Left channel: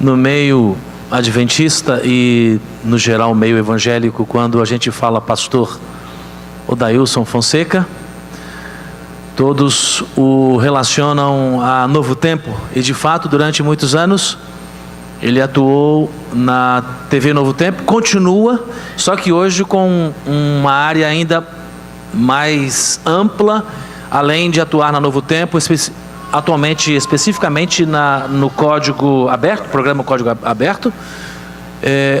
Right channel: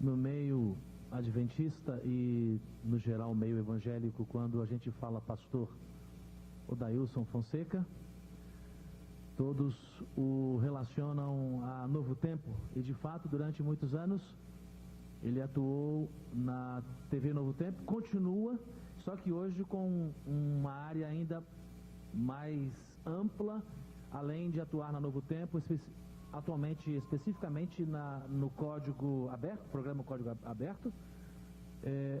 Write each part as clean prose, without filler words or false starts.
no meio adventista e, no geral, meio evangélico, quando a gente fala pastor Odailson Fonseca, todos o relacionam a Novo Tempo. E, de fato, durante muitos anos, ele atuou na TV Novo Tempo, continua, só que hoje com uma área ainda mais ampla, além de atuar na Novo Tempo, atualmente, especificamente no Código Aberto, programa Código Aberto,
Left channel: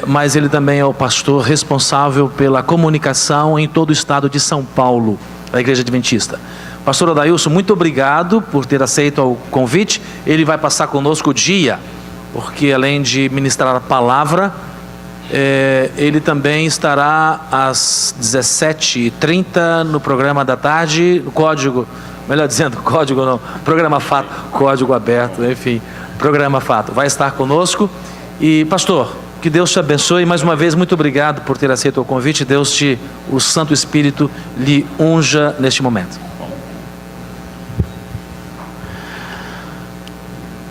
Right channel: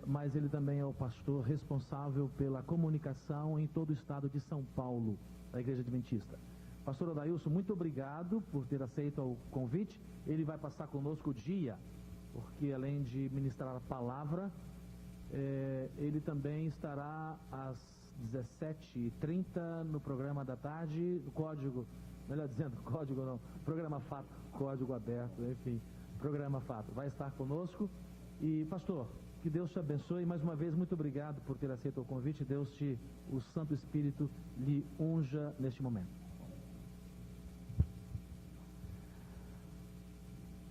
mas ele também é o pastor responsável pela comunicação em todo o estado de São Paulo, da Igreja Adventista. Pastor Odailson, muito obrigado por ter aceito o convite. Ele vai passar conosco o dia, porque além de ministrar a palavra, ele também estará às 17h30 no programa da tarde, no Código, melhor dizendo, Código não, Programa Fato, Código Aberto, enfim, Programa Fato, vai estar conosco. E pastor, que Deus te abençoe, mais uma vez, muito obrigado por ter aceito o convite. O Santo Espírito lhe unja neste momento.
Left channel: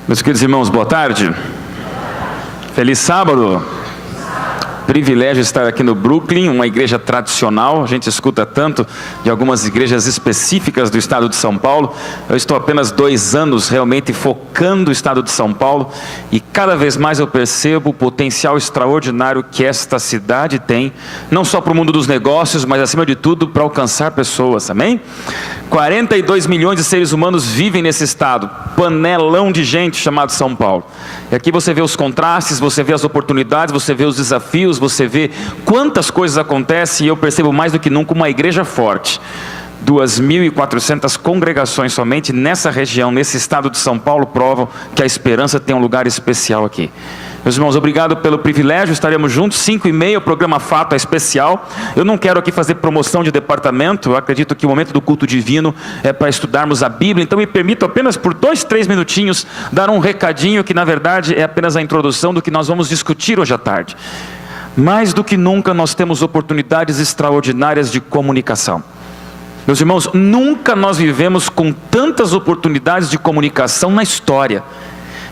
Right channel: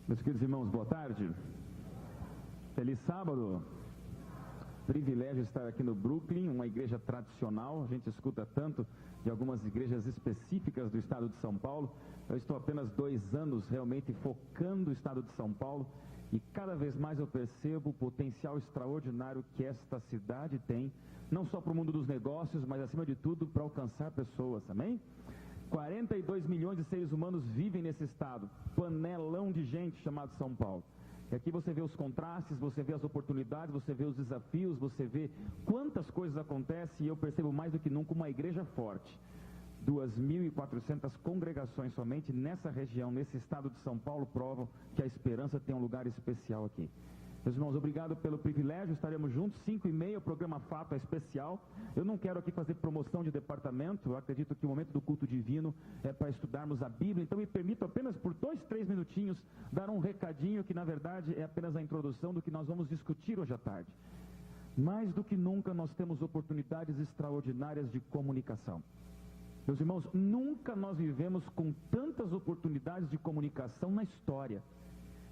Meus queridos irmãos, boa tarde. Feliz sábado. Privilégio estar aqui no Brooklyn, uma igreja tradicional. A gente escuta tanto de algumas igrejas específicas do estado de São Paulo. Eu estou apenas 2 anos realmente focando o estado de São Paulo, e cada vez mais eu percebo o potencial extraordinário que esta cidade tem, não só para o mundo dos negócios, mas acima de tudo para alcançar pessoas, amém? 42 milhões de seres humanos vivem nesse estado, panelão de gente chamado São Paulo. E aqui você vê os contrastes, você vê as oportunidades, você vê os desafios, você vê quantas coisas acontecem, e eu percebo mais do que nunca uma igreja forte. 2.400 congregações somente nessa região, nesse estado de São Paulo, provam que a esperança tem um lugar especial aqui. Meus irmãos, obrigado pelo privilégio, estaremos juntos, 5h30, o programa Fato é especial. Eu não quero aqui fazer promoção de departamento, eu acredito que o momento do culto divino é para estudarmos a Bíblia, então me permito apenas por 2-3 minutinhos dar um recadinho que na verdade é apenas a introdução do que nós vamos discutir hoje à tarde. Mais do que nunca nós temos oportunidades extraordinárias de comunicação. Meus irmãos, nunca nós vivemos com tantas oportunidades de comunicação na história.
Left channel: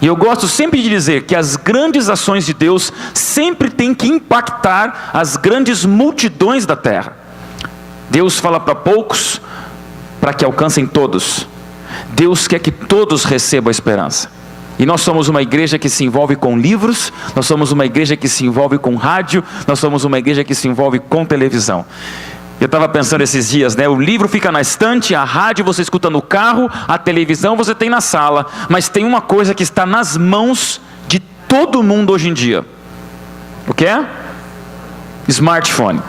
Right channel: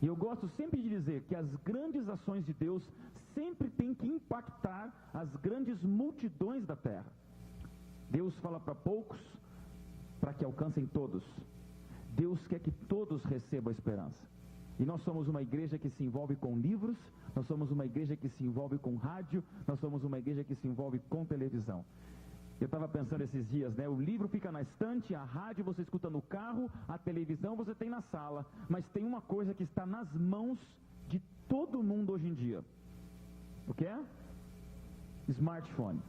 E eu gosto sempre de dizer que as grandes ações de Deus sempre têm que impactar as grandes multidões da terra. Deus fala para poucos, para que alcancem todos. Deus quer que todos recebam a esperança. E nós somos uma igreja que se envolve com livros, nós somos uma igreja que se envolve com rádio, nós somos uma igreja que se envolve com televisão. Eu estava pensando esses dias, né? O livro fica na estante, a rádio você escuta no carro, a televisão você tem na sala, mas tem uma coisa que está nas mãos de todo mundo hoje em dia. O que é? Smartphone.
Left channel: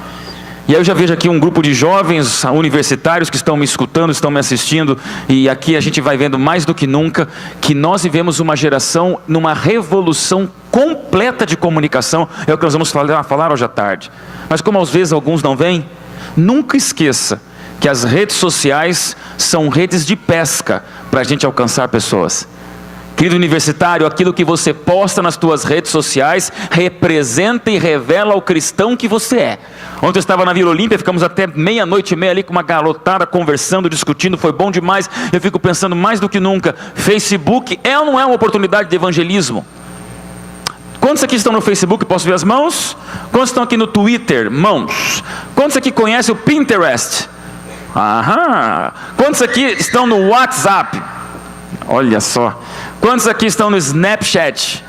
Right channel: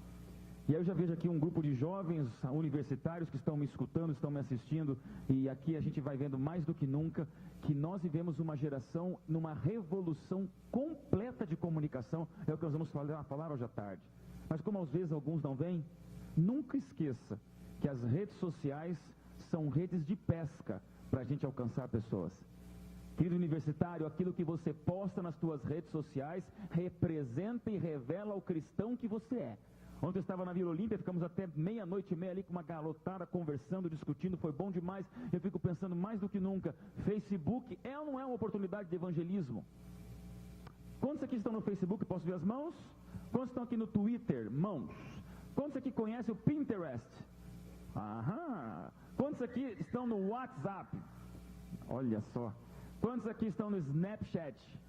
E aí eu já vejo aqui um grupo de jovens universitários que estão me escutando, estão me assistindo, e aqui a gente vai vendo mais do que nunca que nós vivemos uma geração numa revolução completa de comunicação. É o que nós vamos falar hoje à tarde. Mas como às vezes alguns não vêm, nunca esqueça que as redes sociais são redes de pesca para a gente alcançar pessoas. Querido universitário, aquilo que você posta nas suas redes sociais representa e revela o cristão que você é. Ontem eu estava na Vila Olímpia, ficamos até 00:30 ali com uma garotada conversando, discutindo, foi bom demais. Eu fico pensando mais do que nunca, Facebook é ou não é uma oportunidade de evangelismo? Quantos aqui estão no Facebook? Posso ver as mãos? Quantos estão aqui no Twitter? Mãos. Quantos aqui conhecem o Pinterest? Aham. Quantos aqui estão no WhatsApp? Olha só. Quantos aqui estão no Snapchat?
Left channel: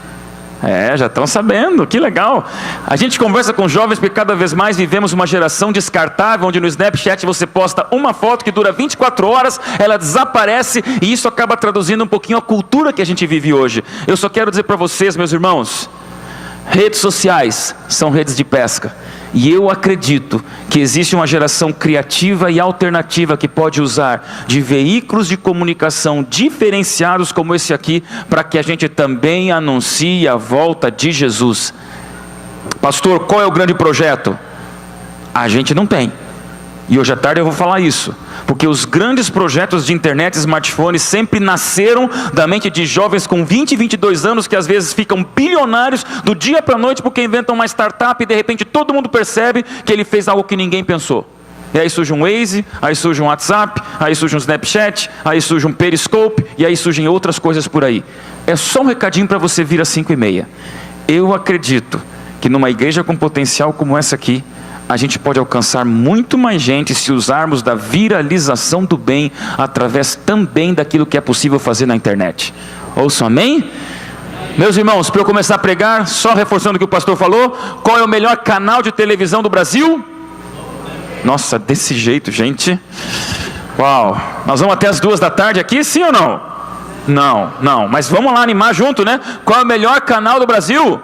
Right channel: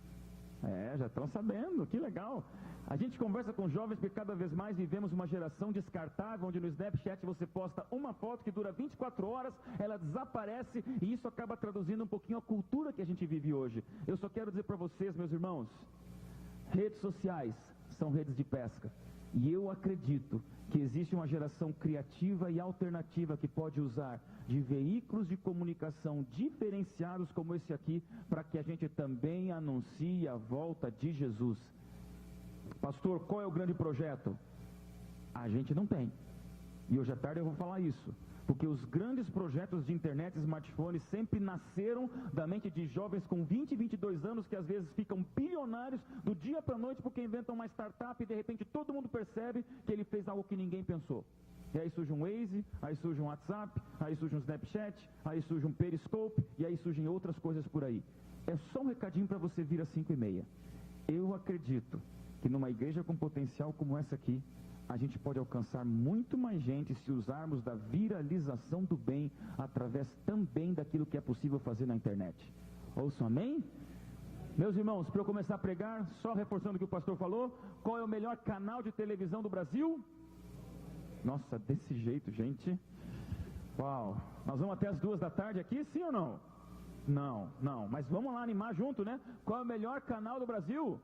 Já estão sabendo, que legal. A gente conversa com jovens porque cada vez mais vivemos uma geração descartável, onde no Snapchat você posta uma foto que dura 24 horas, ela desaparece, e isso acaba traduzindo um pouquinho a cultura que a gente vive hoje. Eu só quero dizer para vocês, meus irmãos, redes sociais são redes de pesca. E eu acredito que existe uma geração criativa e alternativa que pode usar de veículos de comunicação diferenciados como esse aqui, para que a gente também anuncie a volta de Jesus. Pastor, qual é o grande projeto? A gente não tem. E hoje à tarde eu vou falar isso. Porque os grandes projetos de internet e smartphones sempre nasceram da mente de jovens com 20 e 22 anos, que às vezes ficam bilionários do dia para a noite porque inventam uma startup e de repente todo mundo percebe que ele fez algo que ninguém pensou. E aí surge um Waze, aí surge um WhatsApp, aí surge um Snapchat, aí surge um Periscope, e aí surgem outras coisas por aí. É só um recadinho para você vir às 5h30. Eu acredito que numa igreja com potencial como essa aqui, a gente pode alcançar muito mais gente se usarmos da viralização do bem, através também daquilo que é possível fazer na internet. Ouçam, amém? Meus irmãos, para eu começar a pregar, só reforçando o que o pastor falou, qual é o melhor canal de televisão do Brasil? Nossa, desse jeito, gente. Uau, nós vamos até as 2h aqui, sim ou não? Não, mas vamos lá animar junto, né? Qual é o melhor canal do Brasil?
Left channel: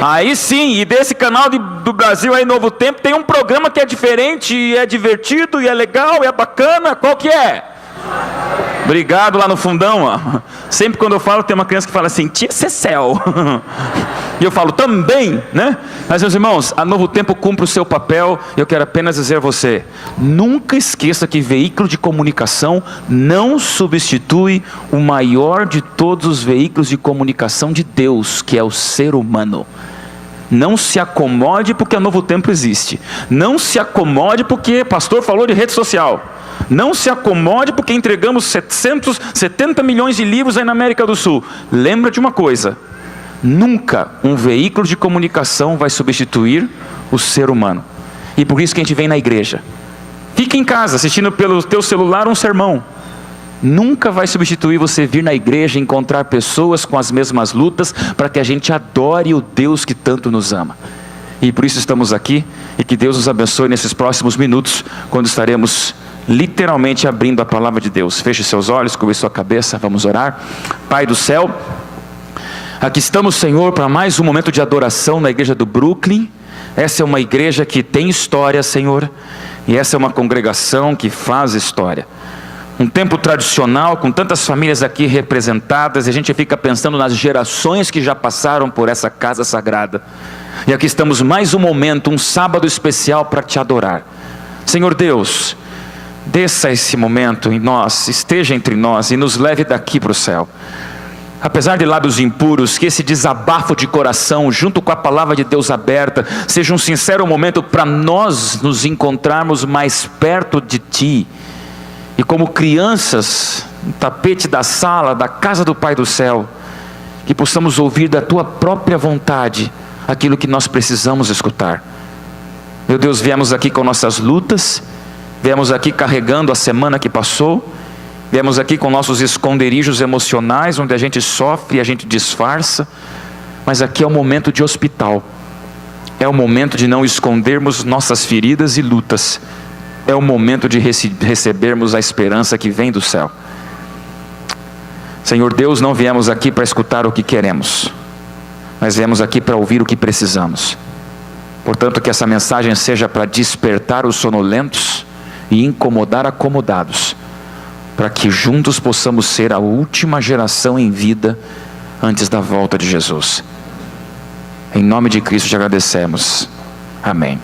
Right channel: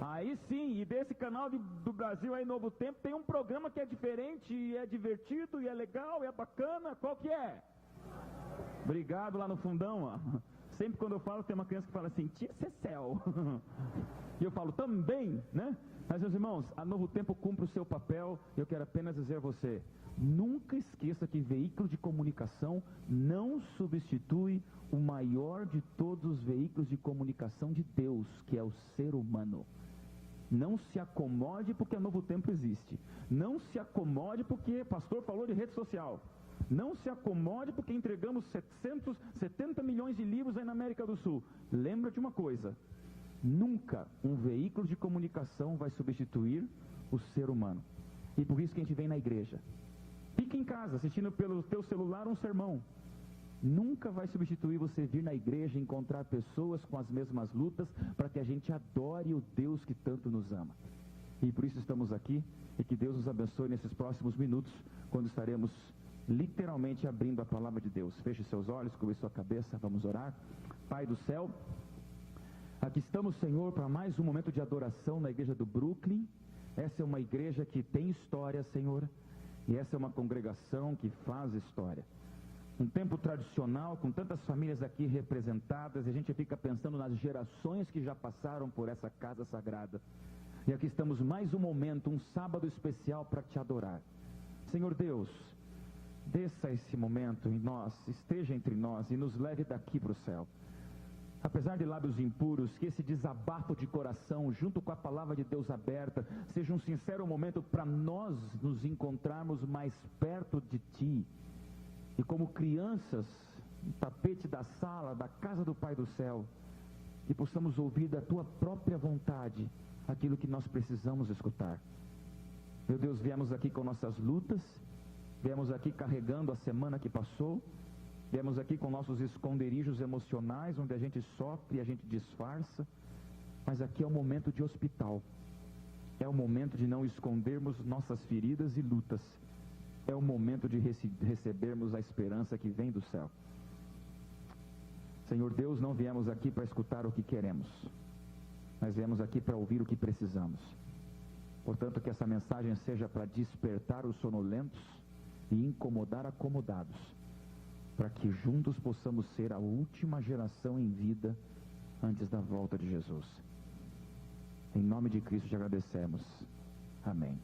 Aí sim, e desse canal do Brasil aí, Novo Tempo, tem um programa que é diferente, e é divertido, e é legal, e é bacana. Qual que é? Obrigado lá no fundão, ó. Sempre quando eu falo, tem uma criança que fala assim, tia Cecel. E eu falo, também, né? Mas meus irmãos, a Novo Tempo cumpre o seu papel. Eu quero apenas dizer a você, nunca esqueça que veículo de comunicação não substitui o maior de todos os veículos de comunicação de Deus, que é o ser humano. Não se acomode porque a Novo Tempo existe. Não se acomode porque o pastor falou de rede social. Não se acomode porque entregamos 770 milhões de livros aí na América do Sul. Lembra de uma coisa, nunca um veículo de comunicação vai substituir o ser humano. E por isso que a gente vem na igreja. Fica em casa assistindo pelo teu celular um sermão. Nunca vai substituir você vir na igreja e encontrar pessoas com as mesmas lutas, para que a gente adore o Deus que tanto nos ama. E por isso estamos aqui, e que Deus nos abençoe nesses próximos minutos, quando estaremos literalmente abrindo a palavra de Deus. Feche seus olhos, cubra sua cabeça, vamos orar. Pai do céu, aqui estamos, Senhor, para mais um momento de adoração na igreja do Brooklyn. Essa é uma igreja que tem história, Senhor, e essa é uma congregação que faz história. Um tempo tradicional, com tantas famílias aqui representadas, e a gente fica pensando nas gerações que já passaram por essa casa sagrada. E aqui estamos mais um momento, um sábado especial para te adorar. Senhor Deus, desça esse momento em nós, esteja entre nós e nos leve daqui para o céu. Apesar de lábios impuros, que esse desabafo de coração, junto com a palavra de Deus aberta, seja um sincero momento para nós nos encontrarmos mais perto de Ti. E como crianças, no tapete da sala, da casa do Pai do céu, que possamos ouvir da Tua própria vontade, aquilo que nós precisamos escutar. Meu Deus, viemos aqui com nossas lutas, viemos aqui carregando a semana que passou, viemos aqui com nossos esconderijos emocionais, onde a gente sofre e a gente disfarça, mas aqui é o momento de hospital, é o momento de não escondermos nossas feridas e lutas, é o momento de recebermos a esperança que vem do céu. Senhor Deus, não viemos aqui para escutar o que queremos, mas viemos aqui para ouvir o que precisamos. Portanto, que essa mensagem seja para despertar os sonolentos e incomodar acomodados, para que juntos possamos ser a última geração em vida antes da volta de Jesus. Em nome de Cristo te agradecemos. Amém.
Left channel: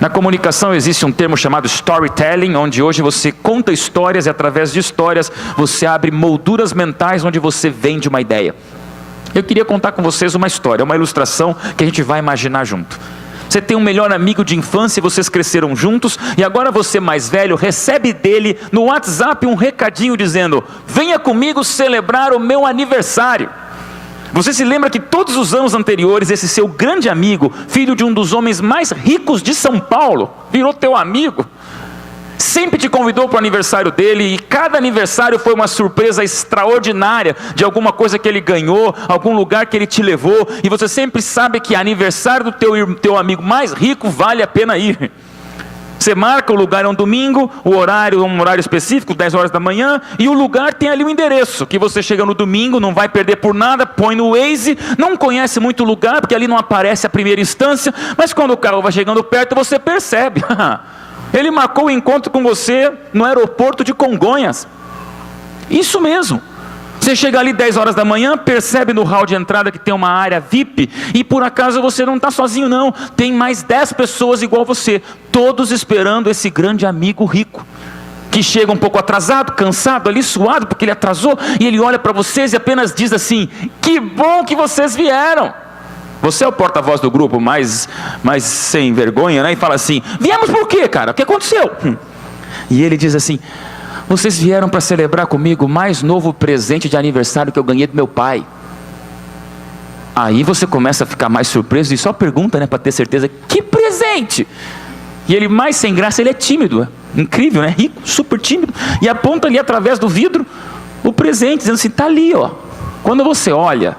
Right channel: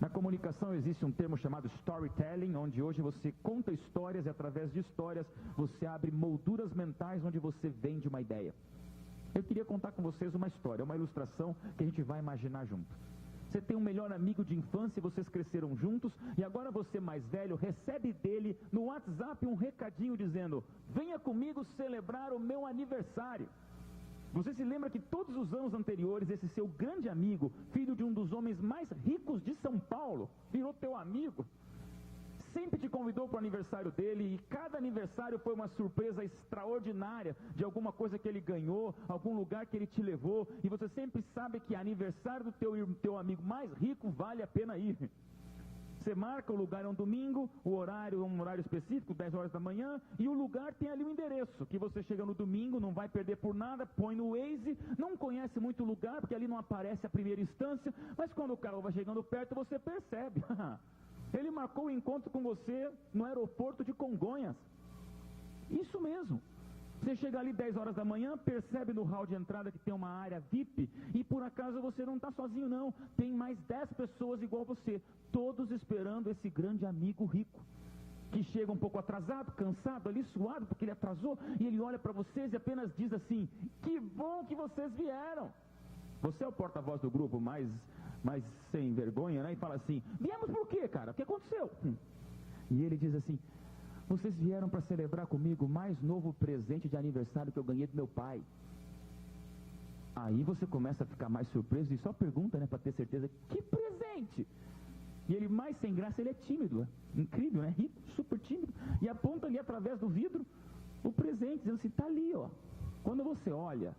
Na comunicação existe um termo chamado storytelling, onde hoje você conta histórias e através de histórias você abre molduras mentais onde você vende uma ideia. Eu queria contar com vocês uma história, uma ilustração que a gente vai imaginar junto. Você tem um melhor amigo de infância, vocês cresceram juntos, e agora você mais velho recebe dele no WhatsApp um recadinho dizendo: venha comigo celebrar o meu aniversário. Você se lembra que todos os anos anteriores, esse seu grande amigo, filho de um dos homens mais ricos de São Paulo, virou teu amigo, sempre te convidou para o aniversário dele, e cada aniversário foi uma surpresa extraordinária, de alguma coisa que ele ganhou, algum lugar que ele te levou, e você sempre sabe que aniversário do teu amigo mais rico vale a pena ir. Você marca o lugar, é um domingo, o horário é um horário específico, 10 horas da manhã, e o lugar tem ali o endereço, que você chega no domingo, não vai perder por nada, põe no Waze, não conhece muito o lugar, porque ali não aparece a primeira instância, mas quando o carro vai chegando perto, você percebe, ele marcou o encontro com você no aeroporto de Congonhas. Isso mesmo. Você chega ali 10 horas da manhã, percebe no hall de entrada que tem uma área VIP, e por acaso você não está sozinho não, tem mais 10 pessoas igual você, todos esperando esse grande amigo rico, que chega um pouco atrasado, cansado ali, suado, porque ele atrasou, e ele olha para vocês e apenas diz assim: que bom que vocês vieram. Você é o porta-voz do grupo, mais sem vergonha, né? E fala assim: viemos por quê, cara? O que aconteceu? E ele diz assim: vocês vieram para celebrar comigo o mais novo presente de aniversário que eu ganhei do meu pai. Aí você começa a ficar mais surpreso e só pergunta, né, para ter certeza: que presente? E ele, mais sem graça, ele é tímido, incrível, né? Rico, super tímido, e aponta ali através do vidro o presente, dizendo assim: tá ali, ó. Quando você olha,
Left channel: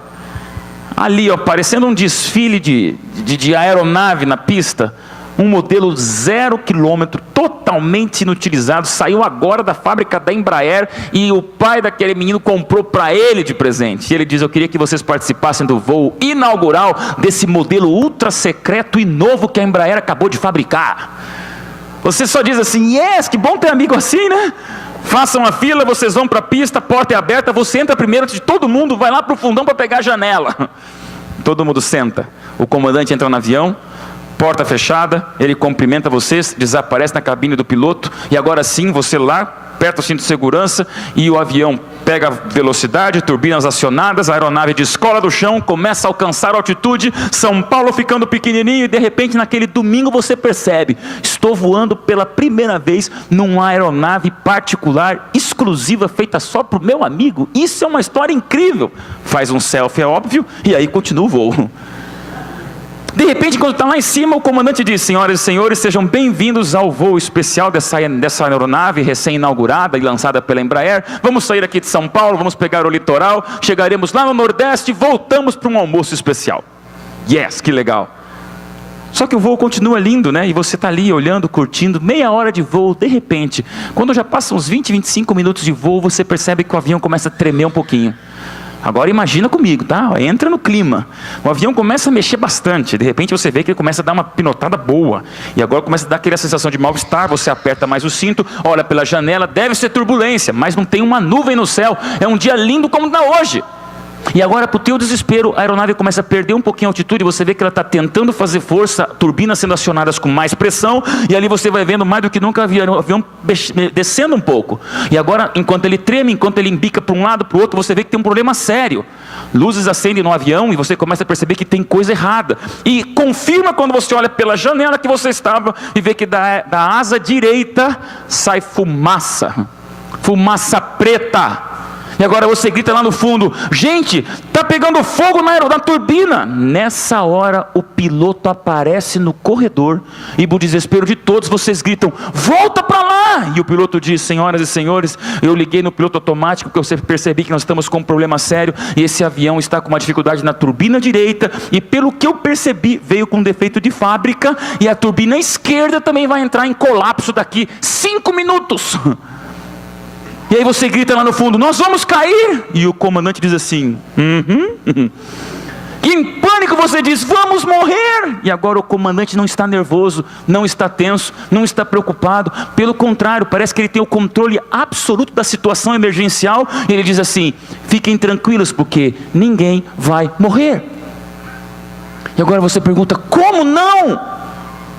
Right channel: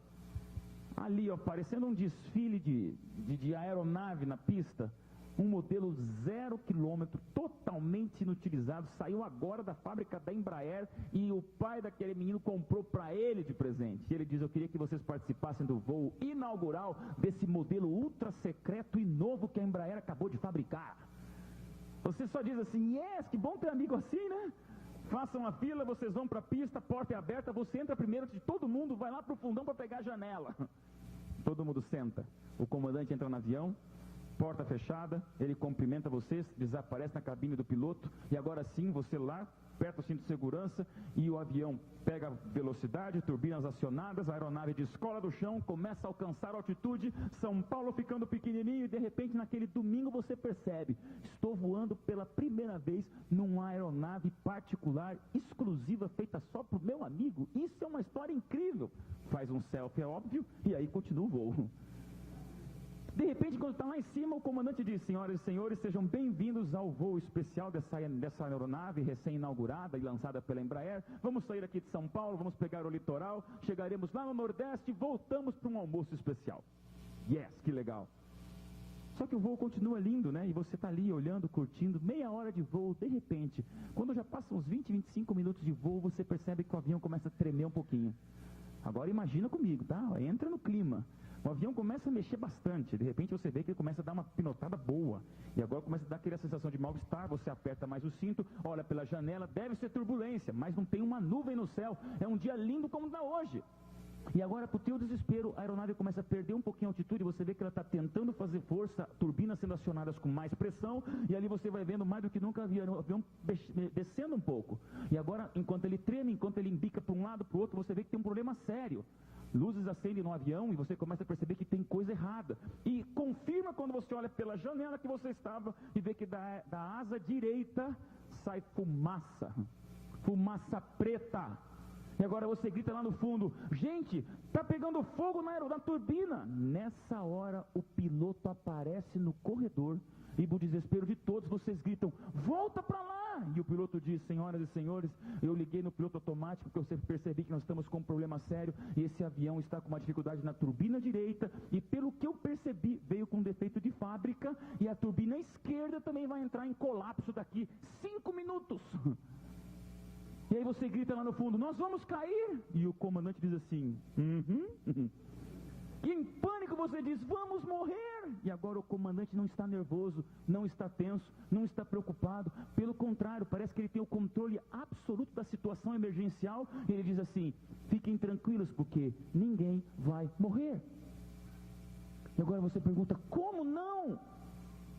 ali, ó, parecendo um desfile de aeronave na pista, um modelo 0 km, totalmente inutilizado, saiu agora da fábrica da Embraer, e o pai daquele menino comprou para ele de presente. E ele diz: eu queria que vocês participassem do voo inaugural desse modelo ultra secreto e novo que a Embraer acabou de fabricar. Você só diz assim: yes, que bom ter amigo assim, né? Façam a fila, vocês vão para a pista, a porta é aberta, você entra primeiro de todo mundo, vai lá para o fundão para pegar a janela. Todo mundo senta, o comandante entra no avião, porta fechada, ele cumprimenta vocês, desaparece na cabine do piloto, e agora sim, você lá, aperta o cinto de segurança, e o avião pega velocidade, turbinas acionadas, a aeronave descola do chão, começa a alcançar altitude, São Paulo ficando pequenininho, e de repente naquele domingo você percebe: estou voando pela primeira vez numa aeronave particular, exclusiva, feita só para o meu amigo. Isso é uma história incrível. Faz um selfie, é óbvio, e aí continua o voo. De repente, quando está lá em cima, o comandante diz: senhoras e senhores, sejam bem-vindos ao voo especial dessa aeronave recém-inaugurada e lançada pela Embraer. Vamos sair aqui de São Paulo, vamos pegar o litoral, chegaremos lá no Nordeste e voltamos para um almoço especial. Yes, que legal. Só que o voo continua lindo, né? E você está ali olhando, curtindo, meia hora de voo. De repente, quando já passam uns 20, 25 minutos de voo, você percebe que o avião começa a tremer um pouquinho. Agora imagina comigo, tá? Entra no clima. O avião começa a mexer bastante. De repente você vê que ele começa a dar uma pinotada boa. E agora começa a dar aquela sensação de mal-estar. Você aperta mais o cinto, olha pela janela, deve ser turbulência, mas não tem uma nuvem no céu. É um dia lindo como está hoje. E agora, para o teu desespero, a aeronave começa a perder um pouquinho a altitude. Você vê que ela está tentando fazer força, turbinas sendo acionadas com mais pressão, e ali você vai vendo mais do que nunca o avião descendo um pouco. E agora, enquanto ele treme, enquanto ele embica para um lado, para o outro, você vê que tem um problema sério. Luzes acendem no avião e você começa a perceber que tem coisa errada. E confirma quando você olha pela janela que você estava e vê que da asa direita sai fumaça. Fumaça preta. E agora você grita lá no fundo: gente, está pegando fogo na turbina. Nessa hora o piloto aparece no corredor e, para o desespero de todos, vocês gritam: volta para lá! E o piloto diz: senhoras e senhores, eu liguei no piloto automático porque eu percebi que nós estamos com um problema sério e esse avião está com uma dificuldade na turbina direita, e pelo que eu percebi veio com um defeito de fábrica, e a turbina esquerda também vai entrar em colapso daqui 5 minutos. E aí você grita lá no fundo: nós vamos cair! E o comandante diz assim: E em pânico você diz: vamos morrer! E agora o comandante não está nervoso, não está tenso, não está preocupado. Pelo contrário, parece que ele tem o controle absoluto da situação emergencial. E ele diz assim: fiquem tranquilos, porque ninguém vai morrer. E agora você pergunta: como não?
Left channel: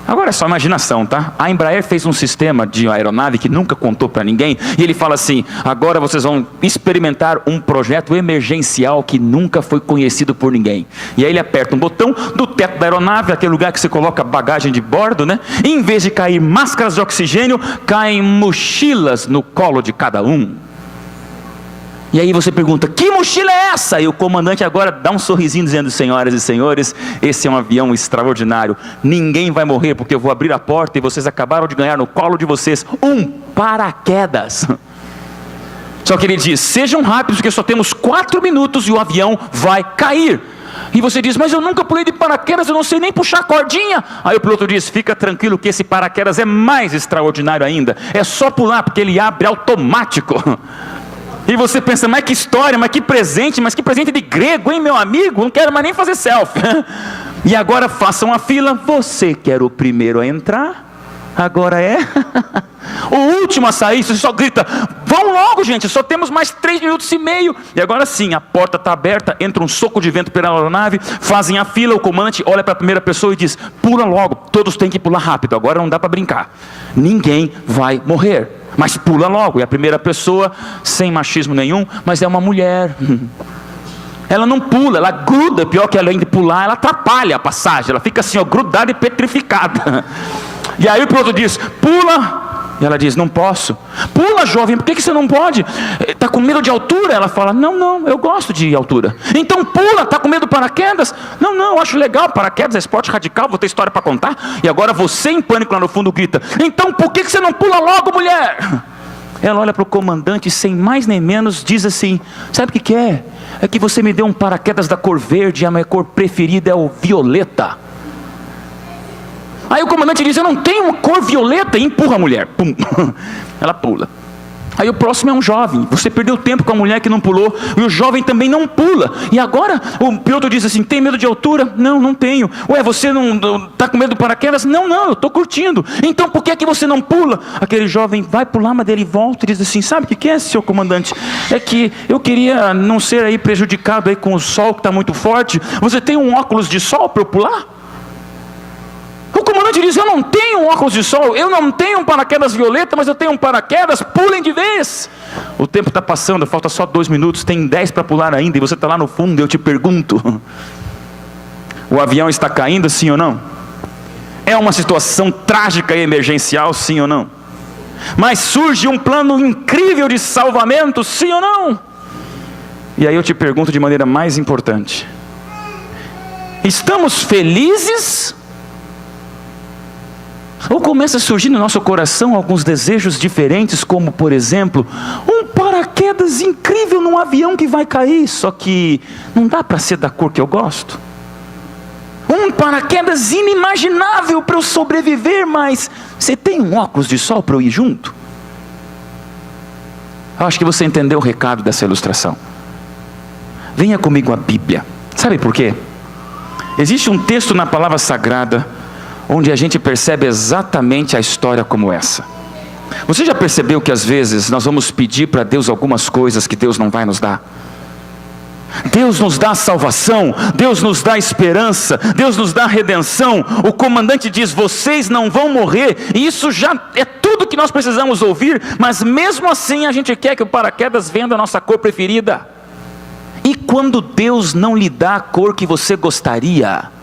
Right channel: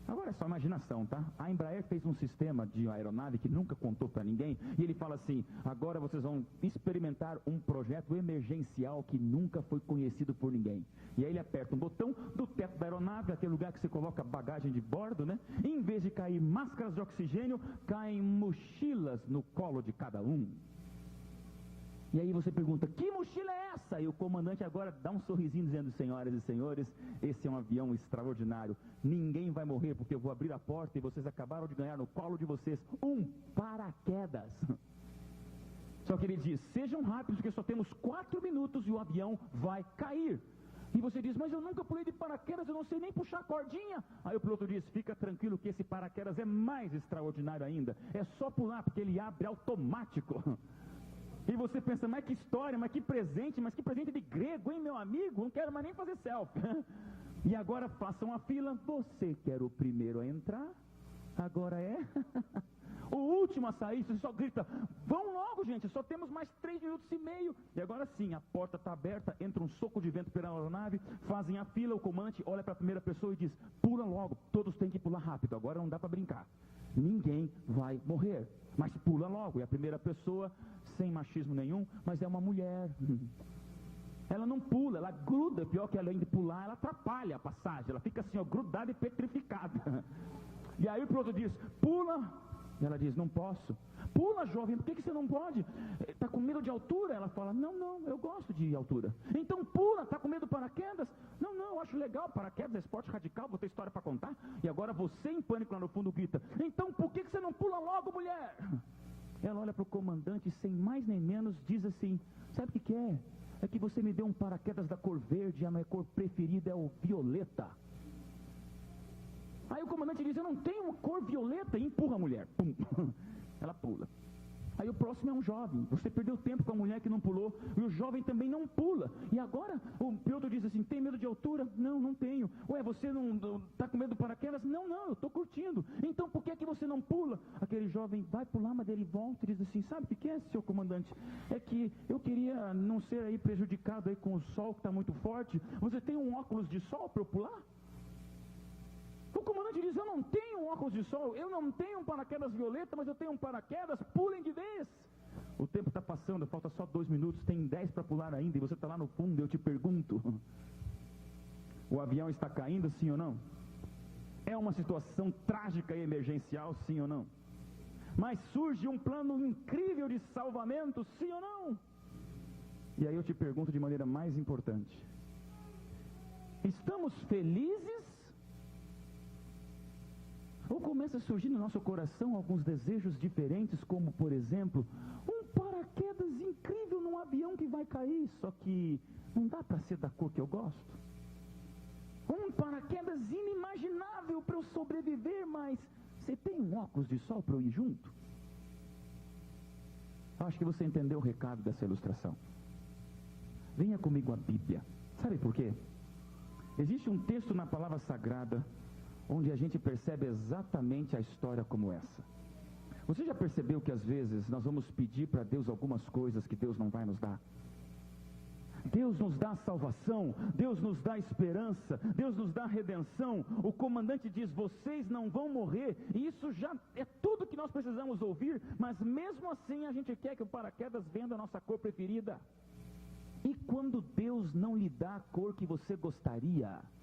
Agora é só imaginação, tá? A Embraer fez um sistema de aeronave que nunca contou para ninguém, e ele fala assim: agora vocês vão experimentar um projeto emergencial que nunca foi conhecido por ninguém. E aí ele aperta um botão do teto da aeronave, aquele lugar que você coloca bagagem de bordo, né? E em vez de cair máscaras de oxigênio, caem mochilas no colo de cada um. E aí você pergunta: que mochila é essa? E o comandante agora dá um sorrisinho dizendo: senhoras e senhores, esse é um avião extraordinário. Ninguém vai morrer porque eu vou abrir a porta e vocês acabaram de ganhar no colo de vocês um paraquedas. Só que ele diz: sejam rápidos porque só temos 4 minutos e o avião vai cair. E você diz: mas eu nunca pulei de paraquedas, eu não sei nem puxar a cordinha. Aí o piloto diz: fica tranquilo que esse paraquedas é mais extraordinário ainda. É só pular porque ele abre automático. E você pensa: mas que história, mas que presente de grego, hein, meu amigo? Não quero mais nem fazer selfie. E agora façam a fila. Você que era o primeiro a entrar, agora é o último a sair. Você só grita: vão logo, gente, só temos mais 3 minutos e meio. E agora sim, a porta está aberta, entra um soco de vento pela aeronave, fazem a fila, o comandante olha para a primeira pessoa e diz: pula logo, todos têm que pular rápido, agora não dá para brincar, ninguém vai morrer, mas pula logo. E a primeira pessoa, sem machismo nenhum, mas é uma mulher. Ela não pula, ela gruda. Pior que ela ainda pular, ela atrapalha a passagem. Ela fica assim, ó, grudada e petrificada. E aí o piloto diz, pula. E ela diz, não posso. Pula, jovem, por que você não pode? Está com medo de altura? Ela fala, não, eu gosto de altura. Então pula, está com medo do paraquedas? Não, eu acho legal, paraquedas é esporte radical, vou ter história para contar. E agora você em pânico lá no fundo grita, então por que você não pula logo, mulher? Ela olha para o comandante, sem mais nem menos, diz assim, sabe o que é? É que você me deu um paraquedas da cor verde, e a minha cor preferida é o violeta. Aí o comandante diz, eu não tenho uma cor violeta, e empurra a mulher. Pum. Ela pula. Aí o próximo é um jovem, você perdeu tempo com a mulher que não pulou, e o jovem também não pula, e agora o piloto diz assim, tem medo de altura? Não tenho. Ué, você não está com medo do paraquedas? Não, eu estou curtindo. Então por que é que você não pula? Aquele jovem vai pular, mas ele volta e diz assim, sabe o que é, seu comandante? É que eu queria não ser aí prejudicado aí com o sol que está muito forte. Você tem um óculos de sol para eu pular? O comandante diz, eu não tenho um óculos de sol, eu não tenho um paraquedas violeta, mas eu tenho um paraquedas, pulem de vez. O tempo está passando, falta só 2 minutos, tem 10 para pular ainda, e você está lá no fundo, eu te pergunto, o avião está caindo, sim ou não? É uma situação trágica e emergencial, sim ou não? Mas surge um plano incrível de salvamento, sim ou não? E aí eu te pergunto de maneira mais importante, estamos felizes? Ou começa a surgir no nosso coração alguns desejos diferentes, como por exemplo, um paraquedas incrível num avião que vai cair, só que não dá para ser da cor que eu gosto. Um paraquedas inimaginável para eu sobreviver, mas você tem um óculos de sol para eu ir junto? Eu acho que você entendeu o recado dessa ilustração. Venha comigo à Bíblia. Sabe por quê? Existe um texto na palavra sagrada onde a gente percebe exatamente a história como essa. Você já percebeu que às vezes nós vamos pedir para Deus algumas coisas que Deus não vai nos dar? Deus nos dá salvação, Deus nos dá esperança, Deus nos dá redenção. O comandante diz, vocês não vão morrer, e isso já é tudo que nós precisamos ouvir, mas mesmo assim a gente quer que o paraquedas venha da nossa cor preferida. E quando Deus não lhe dá a cor que você gostaria?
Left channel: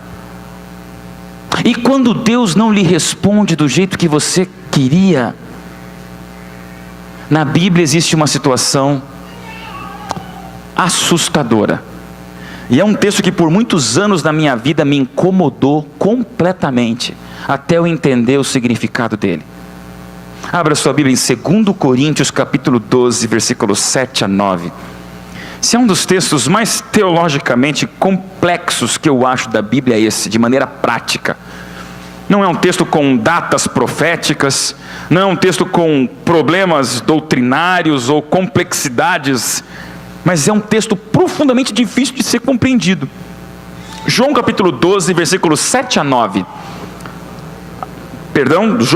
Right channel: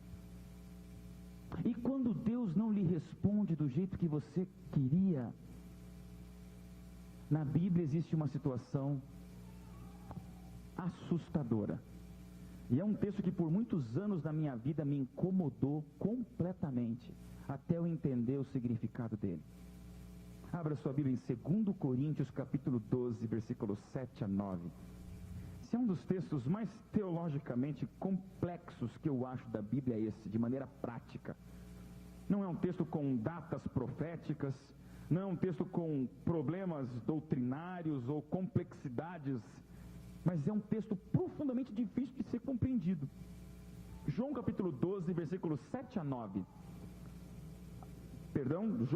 E quando Deus não lhe responde do jeito que você queria? Na Bíblia existe uma situação assustadora. E é um texto que por muitos anos da minha vida me incomodou completamente, até eu entender o significado dele. Abra sua Bíblia em 2 Coríntios capítulo 12, versículos 7 a 9. Esse é um dos textos mais teologicamente complexos que eu acho da Bíblia, esse, de maneira prática. Não é um texto com datas proféticas, não é um texto com problemas doutrinários ou complexidades, mas é um texto profundamente difícil de ser compreendido. João capítulo 12, versículos 7 a 9. Perdão, 2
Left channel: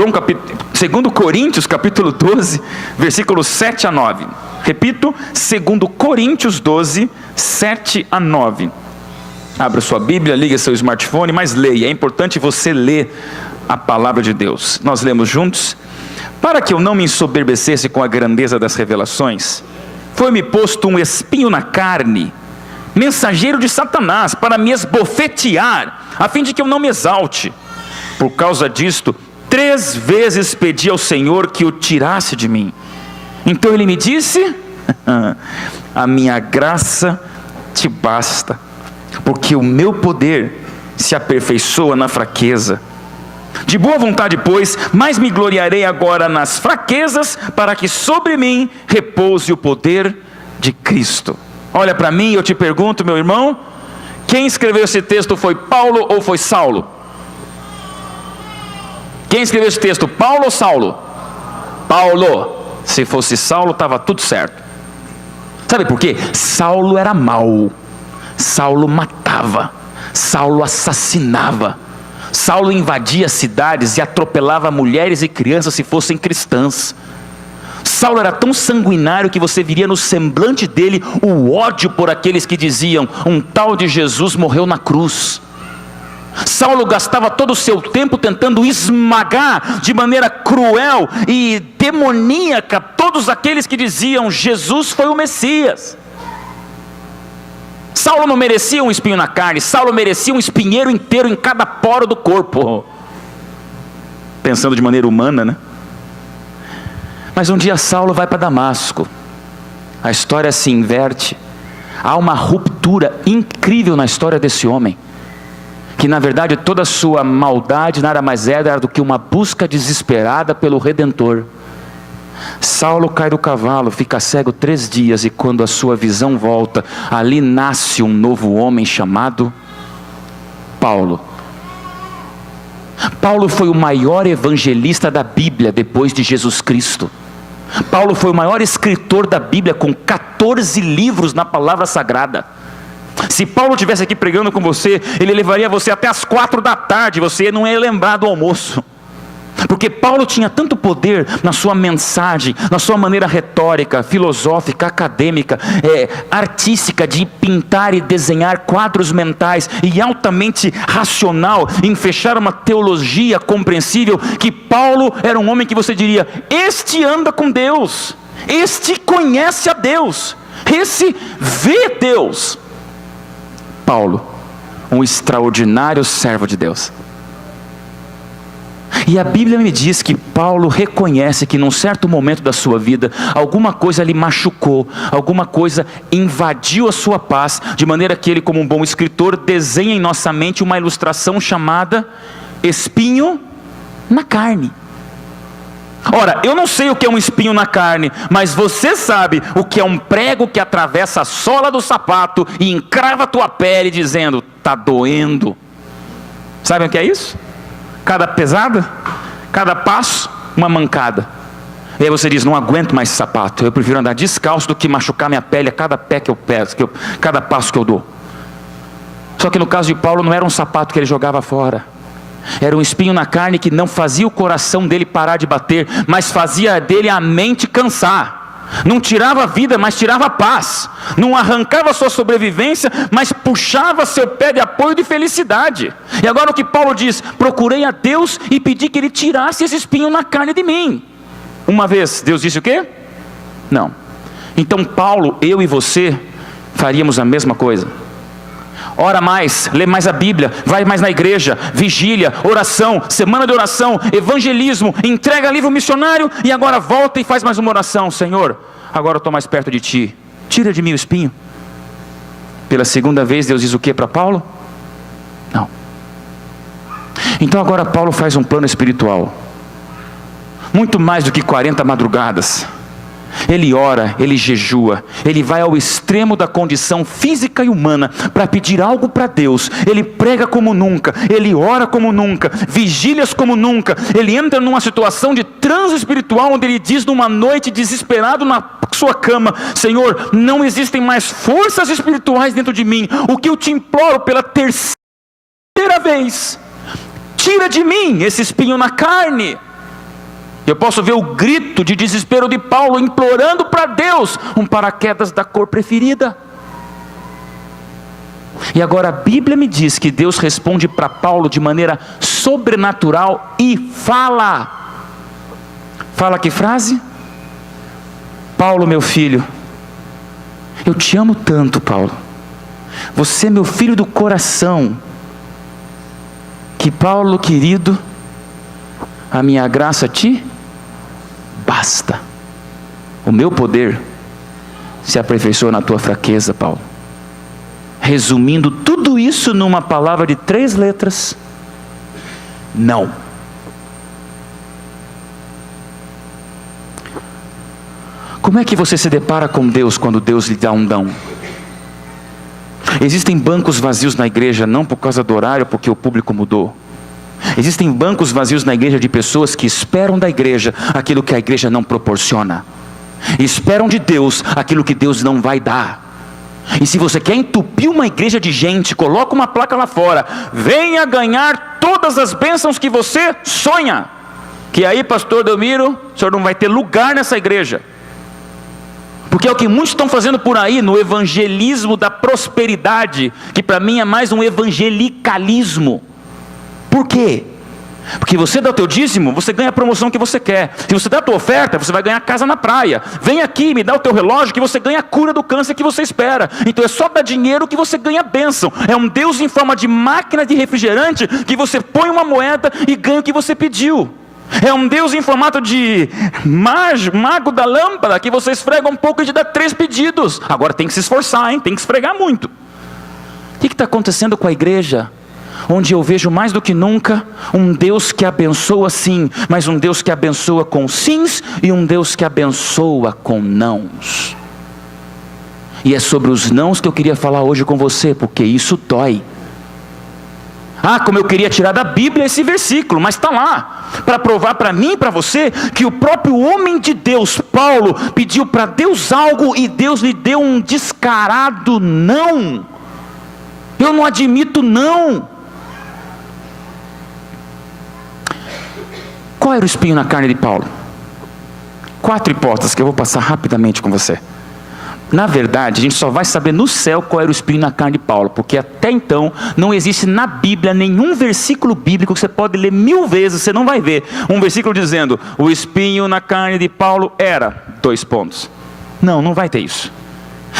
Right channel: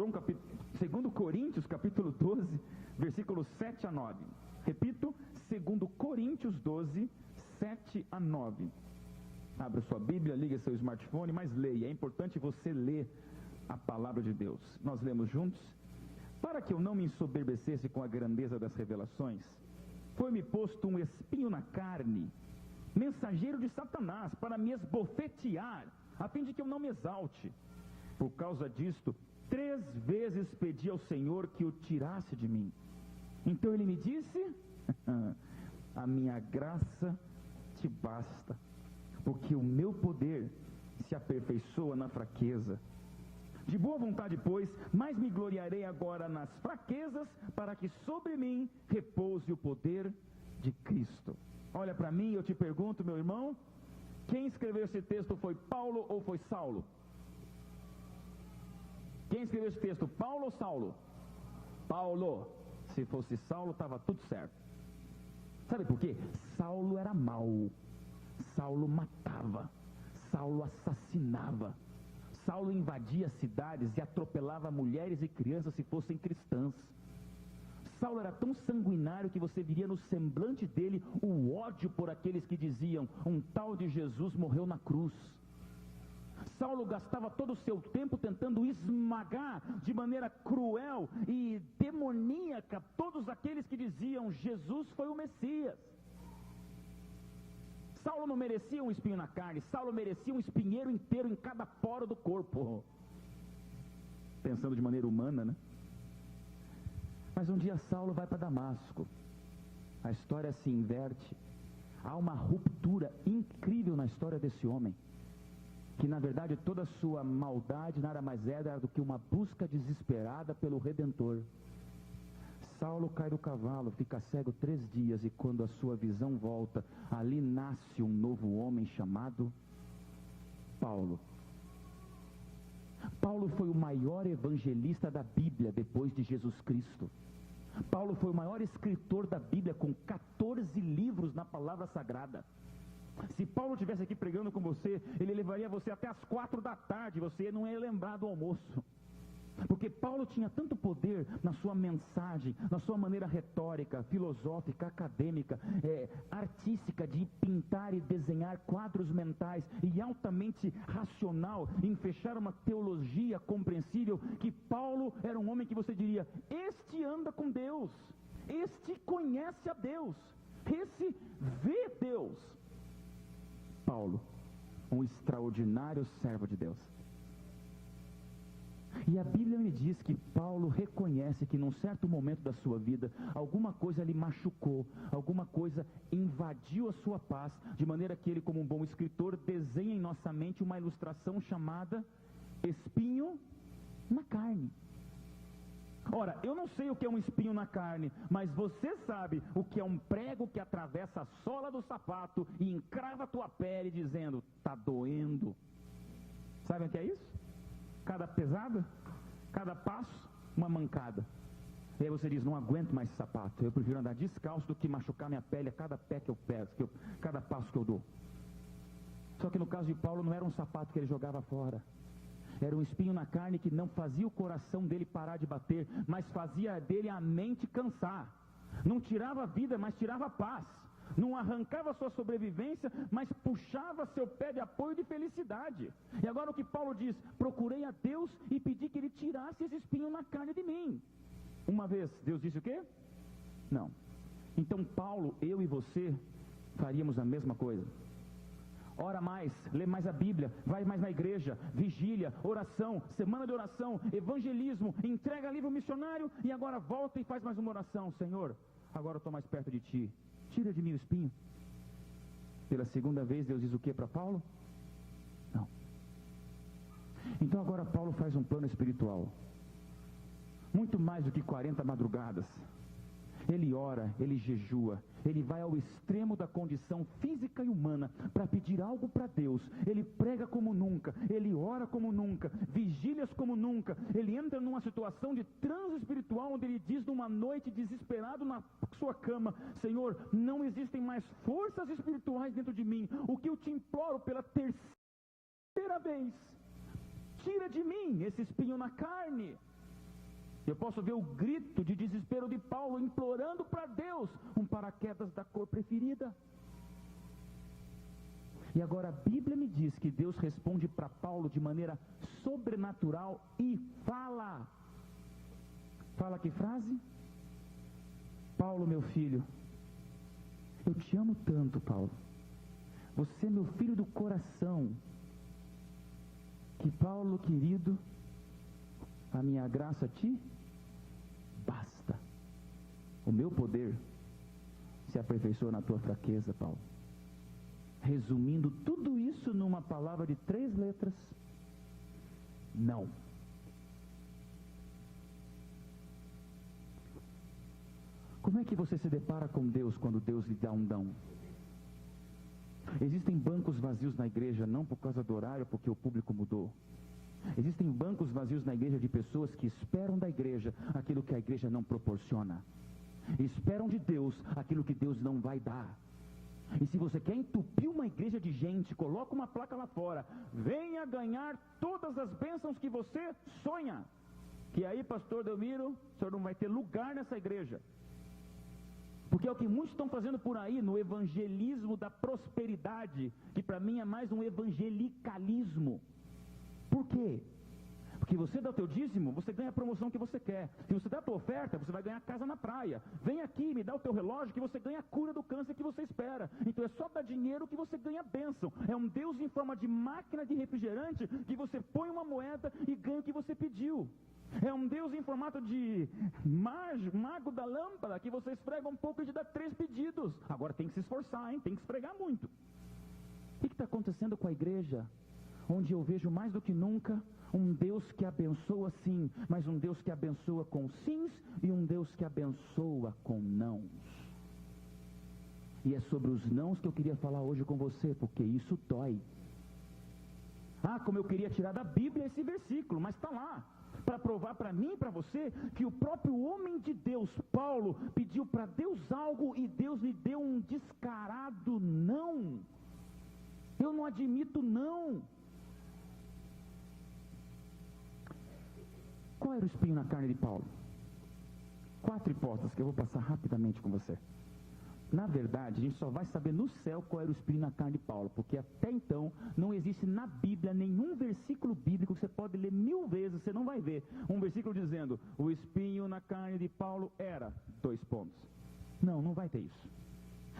Coríntios capítulo 12, versículos 7 a 9. Repito, 2 Coríntios 12, 7 a 9. Abra sua Bíblia, liga seu smartphone, mas leia, é importante você ler a palavra de Deus. Nós lemos juntos. Para que eu não me ensoberbecesse com a grandeza das revelações, foi-me posto um espinho na carne, mensageiro de Satanás, para me esbofetear, a fim de que eu não me exalte. Por causa disto, 3 vezes pedi ao Senhor que o tirasse de mim. Então ele me disse, a minha graça te basta, porque o meu poder se aperfeiçoa na fraqueza. De boa vontade, pois, mais me gloriarei agora nas fraquezas, para que sobre mim repouse o poder de Cristo. Olha para mim e eu te pergunto, meu irmão, quem escreveu esse texto foi Paulo ou foi Saulo? Quem escreveu esse texto, Paulo ou Saulo? Paulo. Se fosse Saulo, estava tudo certo. Sabe por quê? Saulo era mau. Saulo matava. Saulo assassinava. Saulo invadia cidades e atropelava mulheres e crianças se fossem cristãs. Saulo era tão sanguinário que você viria no semblante dele o ódio por aqueles que diziam, um tal de Jesus morreu na cruz. Saulo gastava todo o seu tempo tentando esmagar de maneira cruel e demoníaca todos aqueles que diziam Jesus foi o Messias. Saulo não merecia um espinho na carne, Saulo merecia um espinheiro inteiro em cada poro do corpo. Pensando de maneira humana, né? Mas um dia Saulo vai para Damasco, a história se inverte, há uma ruptura incrível na história desse homem, que na verdade toda a sua maldade nada mais era do que uma busca desesperada pelo Redentor. Saulo cai do cavalo, fica cego 3 dias, e quando a sua visão volta, ali nasce um novo homem chamado Paulo. Paulo foi o maior evangelista da Bíblia depois de Jesus Cristo. Paulo foi o maior escritor da Bíblia, com 14 livros na palavra sagrada. Se Paulo estivesse aqui pregando com você, ele levaria você até as 4 da tarde, você não ia lembrar do almoço. Porque Paulo tinha tanto poder na sua mensagem, na sua maneira retórica, filosófica, acadêmica, artística, de pintar e desenhar quadros mentais, e altamente racional em fechar uma teologia compreensível, que Paulo era um homem que você diria: este anda com Deus, este conhece a Deus, esse vê Deus. Paulo, um extraordinário servo de Deus. E a Bíblia me diz que Paulo reconhece que num certo momento da sua vida, alguma coisa lhe machucou, alguma coisa invadiu a sua paz, de maneira que ele, como um bom escritor, desenha em nossa mente uma ilustração chamada espinho na carne. Ora, eu não sei o que é um espinho na carne, mas você sabe o que é um prego que atravessa a sola do sapato e encrava a tua pele dizendo: está doendo. Sabem o que é isso? Cada pesada, cada passo, uma mancada. E aí você diz: não aguento mais esse sapato, eu prefiro andar descalço do que machucar minha pele a cada pé que eu peço, cada passo que eu dou. Só que no caso de Paulo não era um sapato que ele jogava fora, era um espinho na carne que não fazia o coração dele parar de bater, mas fazia dele a mente cansar. Não tirava a vida, mas tirava a paz. Não arrancava sua sobrevivência, mas puxava seu pé de apoio de felicidade. E agora o que Paulo diz: procurei a Deus e pedi que Ele tirasse esse espinho na carne de mim. Uma vez, Deus disse o quê? Não. Então Paulo, eu e você faríamos a mesma coisa. Ora mais, lê mais a Bíblia, vai mais na igreja, vigília, oração, semana de oração, evangelismo, entrega livro missionário, e agora volta e faz mais uma oração: Senhor, agora eu estou mais perto de Ti, tira de mim o espinho. Pela segunda vez Deus diz o que para Paulo? Não. Então agora Paulo faz um plano espiritual, muito mais do que 40 madrugadas. Ele ora, ele jejua, ele vai ao extremo da condição física e humana para pedir algo para Deus. Ele prega como nunca, ele ora como nunca, vigílias como nunca. Ele entra numa situação de transe espiritual, onde ele diz numa noite, desesperado na sua cama: Senhor, não existem mais forças espirituais dentro de mim. O que eu te imploro pela 3ª vez: tira de mim esse espinho na carne. Eu posso ver o grito de desespero de Paulo, implorando para Deus um paraquedas da cor preferida. E agora a Bíblia me diz que Deus responde para Paulo de maneira sobrenatural e fala. Fala que frase? Paulo, meu filho, eu te amo tanto, Paulo. Você é meu filho do coração. Que, Paulo querido, a minha graça te basta. O meu poder se aperfeiçoa na tua fraqueza, Paulo. Resumindo tudo isso numa palavra de 3 letras: não. Como é que você se depara com Deus quando Deus lhe dá um não? Existem bancos vazios na igreja, não por causa do horário, porque o público mudou. Existem bancos vazios na igreja de pessoas que esperam da igreja aquilo que a igreja não proporciona. Esperam de Deus aquilo que Deus não vai dar. E se você quer entupir uma igreja de gente, coloca uma placa lá fora: venha ganhar todas as bênçãos que você sonha. Que aí, pastor Delmiro, o senhor não vai ter lugar nessa igreja. Porque é o que muitos estão fazendo por aí, no evangelismo da prosperidade, que para mim é mais um evangelicalismo. Por quê? Porque você dá o teu dízimo, você ganha a promoção que você quer. Se você dá a tua oferta, você vai ganhar casa na praia. Vem aqui, me dá o teu relógio que você ganha a cura do câncer que você espera. Então é só dar dinheiro que você ganha bênção. É um Deus em forma de máquina de refrigerante que você põe uma moeda e ganha o que você pediu. É um Deus em formato de mago da lâmpada que você esfrega um pouco e te dá 3 pedidos. Agora tem que se esforçar, hein? Tem que esfregar muito. O que está acontecendo com a igreja? Onde eu vejo mais do que nunca um Deus que abençoa sim, mas um Deus que abençoa com sims e um Deus que abençoa com nãos. E é sobre os nãos que eu queria falar hoje com você, porque isso dói. Como eu queria tirar da Bíblia esse versículo, mas está lá, para provar para mim e para você, que o próprio homem de Deus, Paulo, pediu para Deus algo e Deus lhe deu um descarado não. Eu não admito não. Qual era o espinho na carne de Paulo? 4 hipóteses que eu vou passar rapidamente com você. Na verdade, a gente só vai saber no céu qual era o espinho na carne de Paulo, porque até então não existe na Bíblia nenhum versículo bíblico que você pode ler 1000 vezes, você não vai ver um versículo dizendo, o espinho na carne de Paulo era, 2 pontos. Não vai ter isso.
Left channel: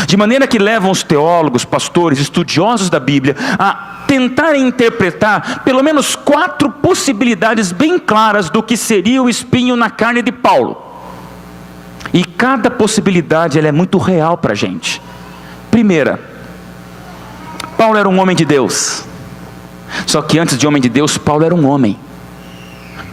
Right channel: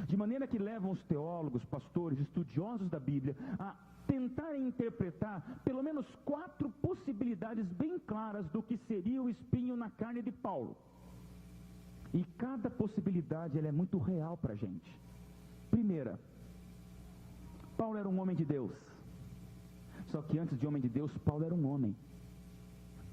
De maneira que levam os teólogos, pastores, estudiosos da Bíblia a tentarem interpretar pelo menos 4 possibilidades bem claras do que seria o espinho na carne de Paulo. E cada possibilidade ela é muito real para a gente. Primeira, Paulo era um homem de Deus. Só que antes de homem de Deus, Paulo era um homem.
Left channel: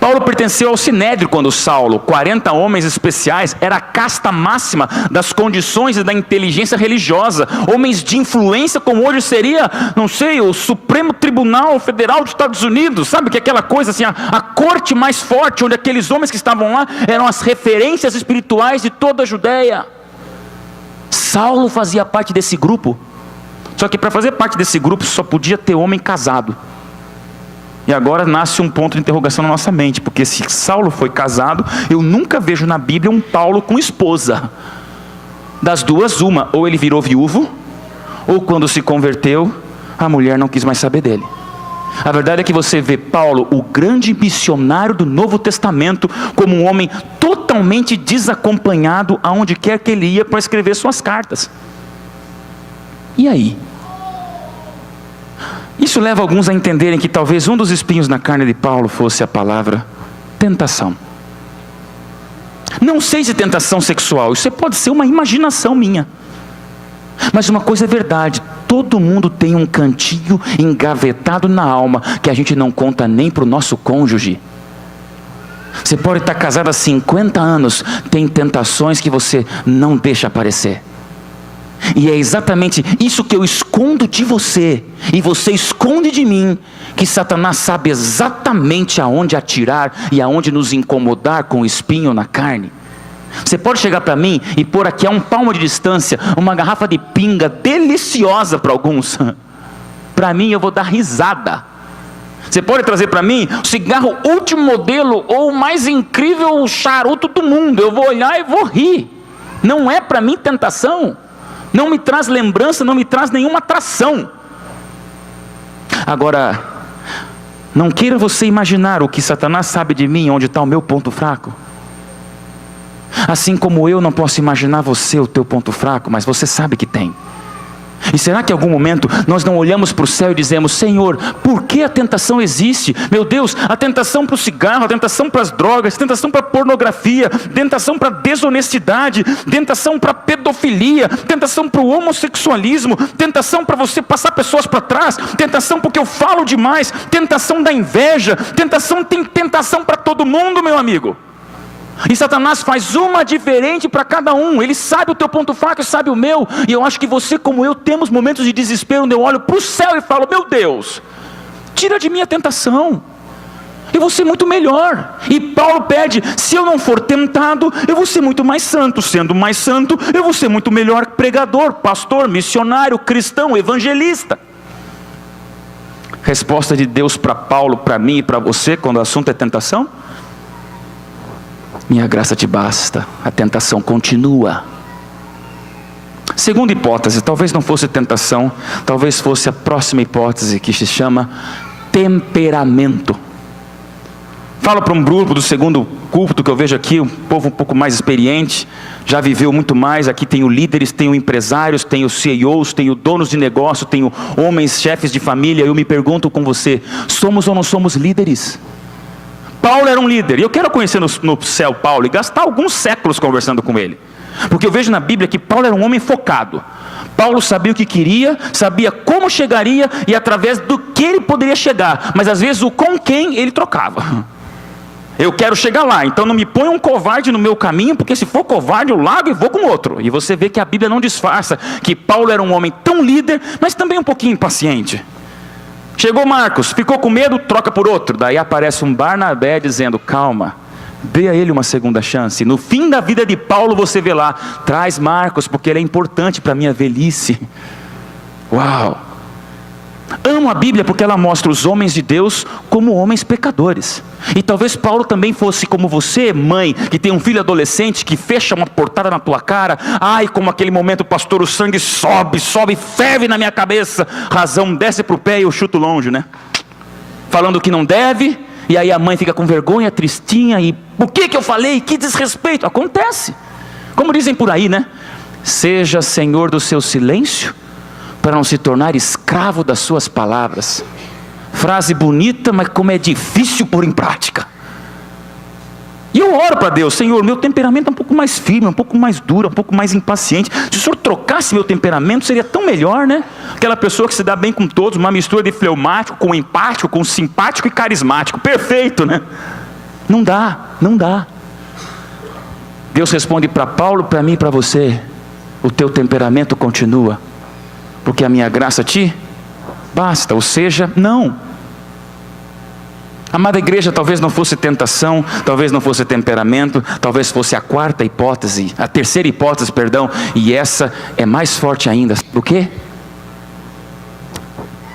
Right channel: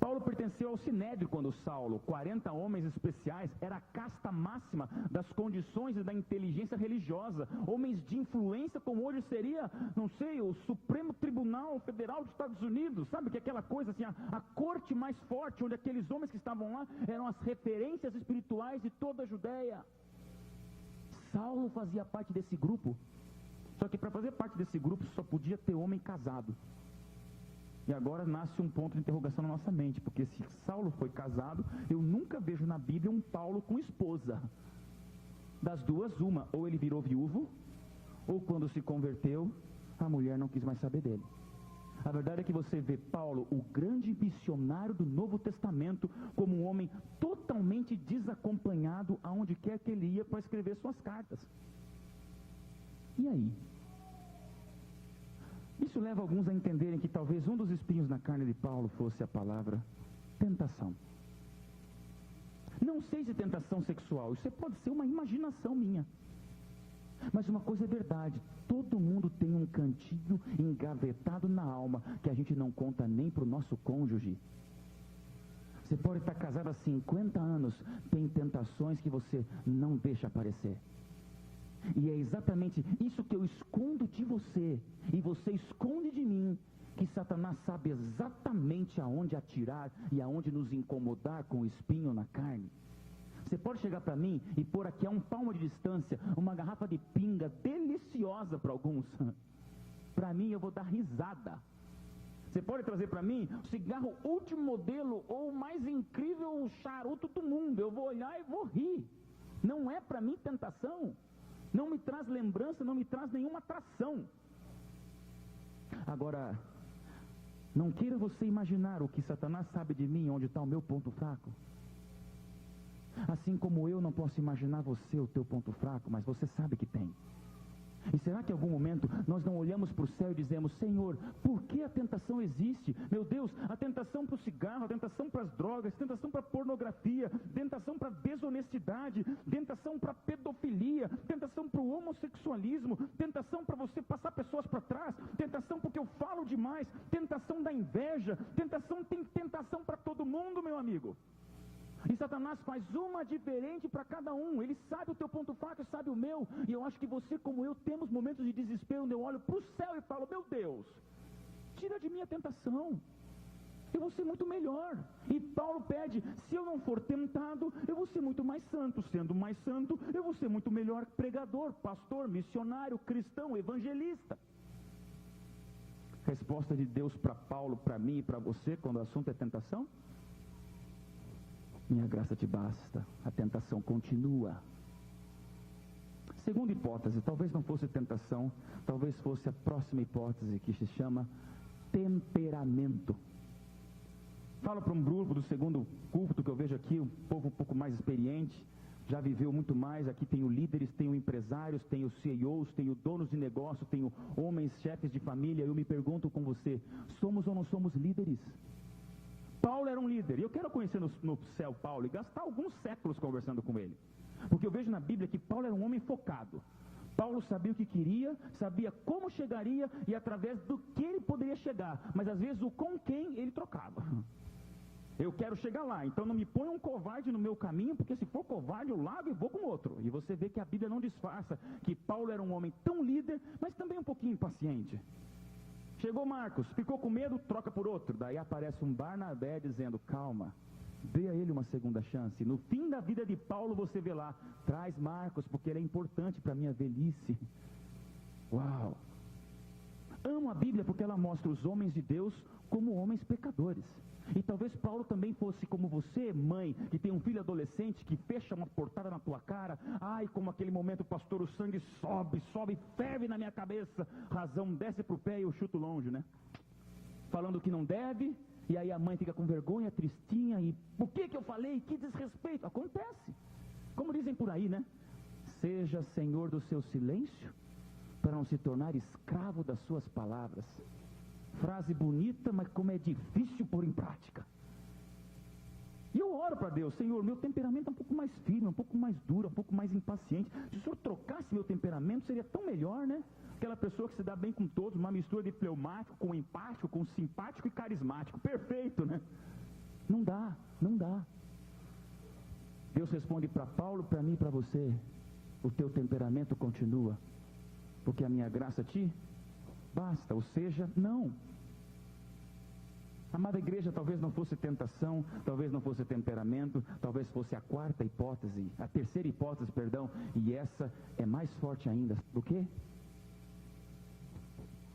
Paulo pertenceu ao Sinédrio quando Saulo, 40 homens especiais, era a casta máxima das condições e da inteligência religiosa. Homens de influência como hoje seria, não sei, o Supremo Tribunal Federal dos Estados Unidos. Sabe que aquela coisa assim, a corte mais forte, onde aqueles homens que estavam lá eram as referências espirituais de toda a Judéia. Saulo fazia parte desse grupo. Só que para fazer parte desse grupo só podia ter homem casado. E agora nasce um ponto de interrogação na nossa mente, porque se Saulo foi casado, eu nunca vejo na Bíblia um Paulo com esposa. Das duas, uma, ou ele virou viúvo, ou quando se converteu, a mulher não quis mais saber dele. A verdade é que você vê Paulo, o grande missionário do Novo Testamento, como um homem totalmente desacompanhado aonde quer que ele ia para escrever suas cartas. E aí? Isso leva alguns a entenderem que talvez um dos espinhos na carne de Paulo fosse a palavra tentação. Não sei se tentação sexual, isso pode ser uma imaginação minha. Mas uma coisa é verdade, todo mundo tem um cantinho engavetado na alma que a gente não conta nem para o nosso cônjuge. Você pode estar casado há 50 anos, tem tentações que você não deixa aparecer. E é exatamente isso que eu escondo de você, e você esconde de mim, que Satanás sabe exatamente aonde atirar e aonde nos incomodar com o espinho na carne. Você pode chegar para mim e pôr aqui a 1 palmo de distância uma garrafa de pinga deliciosa para alguns. Para mim eu vou dar risada. Você pode trazer para mim o cigarro último modelo ou o mais incrível charuto do mundo. Eu vou olhar e vou rir. Não é para mim tentação. Não me traz lembrança, não me traz nenhuma atração. Agora, não queira você imaginar o que Satanás sabe de mim, onde está o meu ponto fraco. Assim como eu não posso imaginar você, o teu ponto fraco, mas você sabe que tem. E será que em algum momento nós não olhamos para o céu e dizemos, Senhor, por que a tentação existe? Meu Deus, a tentação para o cigarro, a tentação para as drogas, a tentação para a pornografia, tentação para a desonestidade, tentação para a pedofilia, tentação para o homossexualismo, tentação para você passar pessoas para trás, tentação porque eu falo demais, tentação da inveja, tem tentação para todo mundo, meu amigo. E Satanás faz uma diferente para cada um. Ele sabe o teu ponto fraco e sabe o meu. E eu acho que você como eu temos momentos de desespero, onde eu olho para o céu e falo, meu Deus, tira de mim a tentação, eu vou ser muito melhor. E Paulo pede, se eu não for tentado, eu vou ser muito mais santo. Sendo mais santo, eu vou ser muito melhor pregador, pastor, missionário, cristão, evangelista. Resposta de Deus para Paulo, para mim e para você, quando o assunto é tentação: minha graça te basta, a tentação continua. Segunda hipótese, talvez não fosse tentação, talvez fosse a próxima hipótese, que se chama temperamento. Falo para um grupo do segundo culto que eu vejo aqui, um povo um pouco mais experiente, já viveu muito mais. Aqui tenho líderes, tenho empresários, tenho CEOs, tenho donos de negócio, tenho homens, chefes de família. Eu me pergunto com você, somos ou não somos líderes? Paulo era um líder, e eu quero conhecer no céu Paulo e gastar alguns séculos conversando com ele. Porque eu vejo na Bíblia que Paulo era um homem focado. Paulo sabia o que queria, sabia como chegaria e através do que ele poderia chegar. Mas às vezes o com quem ele trocava. Eu quero chegar lá, então não me põe um covarde no meu caminho, porque se for covarde eu largo e vou com outro. E você vê que a Bíblia não disfarça que Paulo era um homem tão líder, mas também um pouquinho impaciente. Chegou Marcos, ficou com medo, troca por outro. Daí aparece um Barnabé dizendo, calma, dê a ele uma segunda chance. No fim da vida de Paulo você vê lá, traz Marcos, porque ele é importante para a minha velhice. Uau! Amo a Bíblia porque ela mostra os homens de Deus como homens pecadores. E talvez Paulo também fosse como você, mãe, que tem um filho adolescente que fecha uma portada na tua cara. Ai, como aquele momento, pastor, o sangue sobe, ferve na minha cabeça. Razão desce para o pé e eu chuto longe, né? Falando que não deve, e aí a mãe fica com vergonha, tristinha, e o que eu falei? Que desrespeito. Acontece. Como dizem por aí, né? Seja senhor do seu silêncio, para não se tornar escravo das suas palavras. Frase bonita, mas como é difícil pôr em prática. E eu oro para Deus, Senhor, meu temperamento é um pouco mais firme, um pouco mais duro, um pouco mais impaciente. Se o Senhor trocasse meu temperamento, seria tão melhor, né? Aquela pessoa que se dá bem com todos, uma mistura de fleumático, com empático, com simpático e carismático. Perfeito, né? Não dá. Deus responde para Paulo, para mim e para você, o teu temperamento continua, porque a minha graça te basta, ou seja, não. Amada igreja, talvez não fosse tentação, talvez não fosse temperamento, talvez fosse a terceira hipótese, e essa é mais forte ainda. O quê?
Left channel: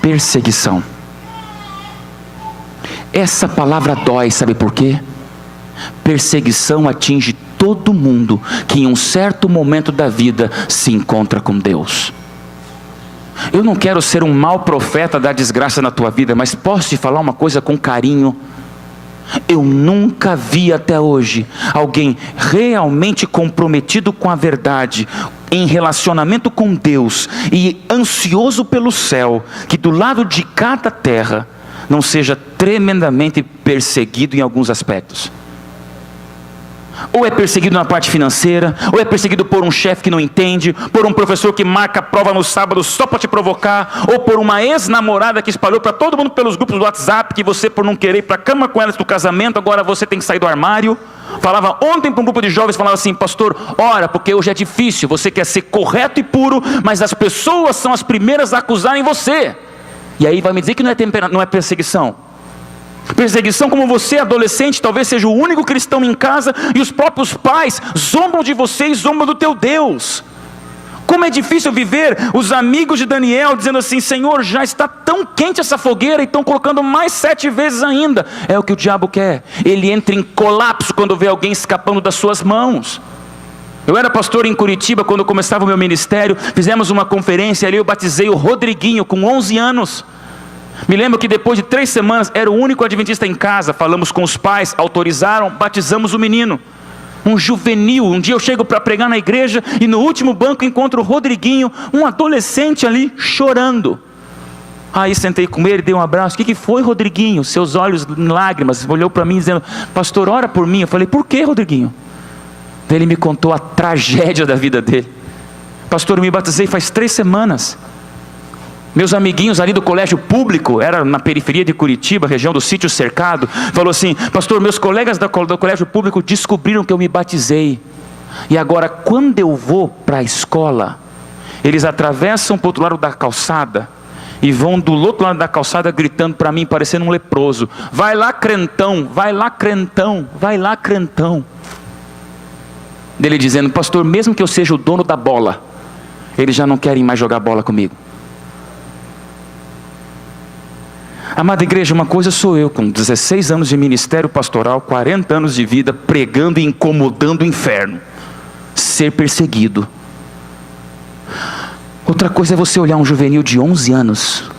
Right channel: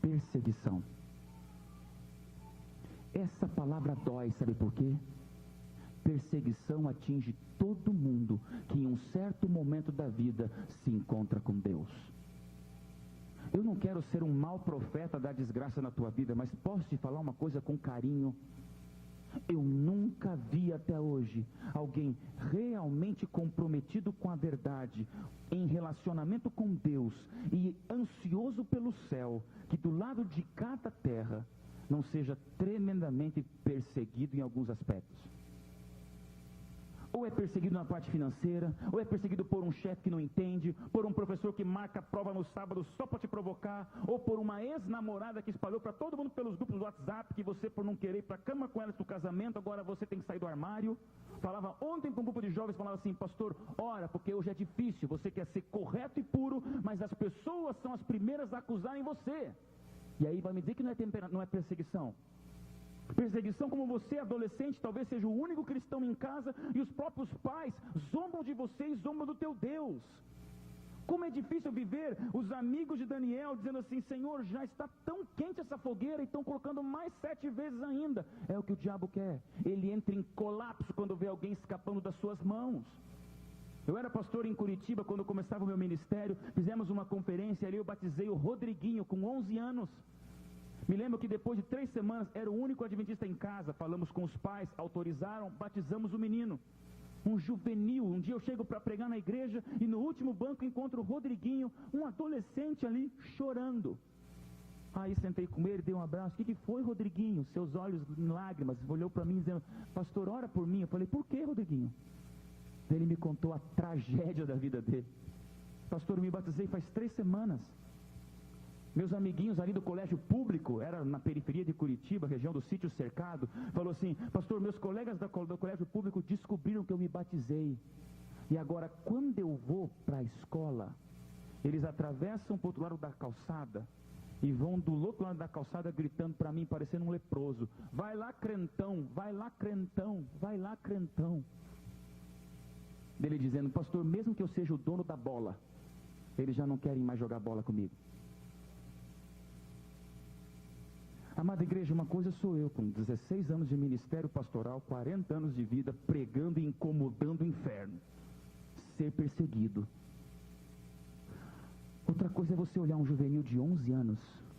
Perseguição. Essa palavra dói, sabe por quê? Perseguição atinge todo mundo que em um certo momento da vida se encontra com Deus. Eu não quero ser um mau profeta da desgraça na tua vida, mas posso te falar uma coisa com carinho? Eu nunca vi até hoje alguém realmente comprometido com a verdade, em relacionamento com Deus e ansioso pelo céu, que do lado de cada terra não seja tremendamente perseguido em alguns aspectos. Ou é perseguido na parte financeira, ou é perseguido por um chefe que não entende, por um professor que marca a prova no sábado só para te provocar, ou por uma ex-namorada que espalhou para todo mundo pelos grupos do WhatsApp, que você, por não querer ir para a cama com ela do casamento, agora você tem que sair do armário. Falava ontem para um grupo de jovens, falava assim, pastor, ora, porque hoje é difícil, você quer ser correto e puro, mas as pessoas são as primeiras a acusarem você. E aí vai me dizer que não é perseguição. Perseguição como você, adolescente, talvez seja o único cristão em casa e os próprios pais zombam de você e zombam do teu Deus. Como é difícil viver os amigos de Daniel dizendo assim, Senhor, já está tão quente essa fogueira e estão colocando mais 7 vezes ainda. É o que o diabo quer. Ele entra em colapso quando vê alguém escapando das suas mãos. Eu era pastor em Curitiba quando começava o meu ministério, fizemos uma conferência ali, eu batizei o Rodriguinho com 11 anos. Me lembro que depois de 3 semanas, era o único adventista em casa, falamos com os pais, autorizaram, batizamos o menino. Um juvenil, um dia eu chego para pregar na igreja e no último banco encontro o Rodriguinho, um adolescente ali chorando. Aí sentei com ele, dei um abraço, o que foi, Rodriguinho? Seus olhos em lágrimas, olhou para mim dizendo, pastor, ora por mim. Eu falei, por que, Rodriguinho? Ele me contou a tragédia da vida dele. Pastor, eu me batizei faz 3 semanas. Meus amiguinhos ali do colégio público, era na periferia de Curitiba, região do Sítio Cercado, falou assim, pastor, meus colegas do colégio público descobriram que eu me batizei, e agora quando eu vou para a escola, eles atravessam para o outro lado da calçada, e vão do outro lado da calçada gritando para mim, parecendo um leproso, vai lá crentão, vai lá crentão, vai lá crentão. Dele dizendo, pastor, mesmo que eu seja o dono da bola, eles já não querem mais jogar bola comigo. Amada igreja, uma coisa sou eu, com 16 anos de ministério pastoral, 40 anos de vida, pregando e incomodando o inferno, ser perseguido. Outra coisa é você olhar um juvenil de 11 anos,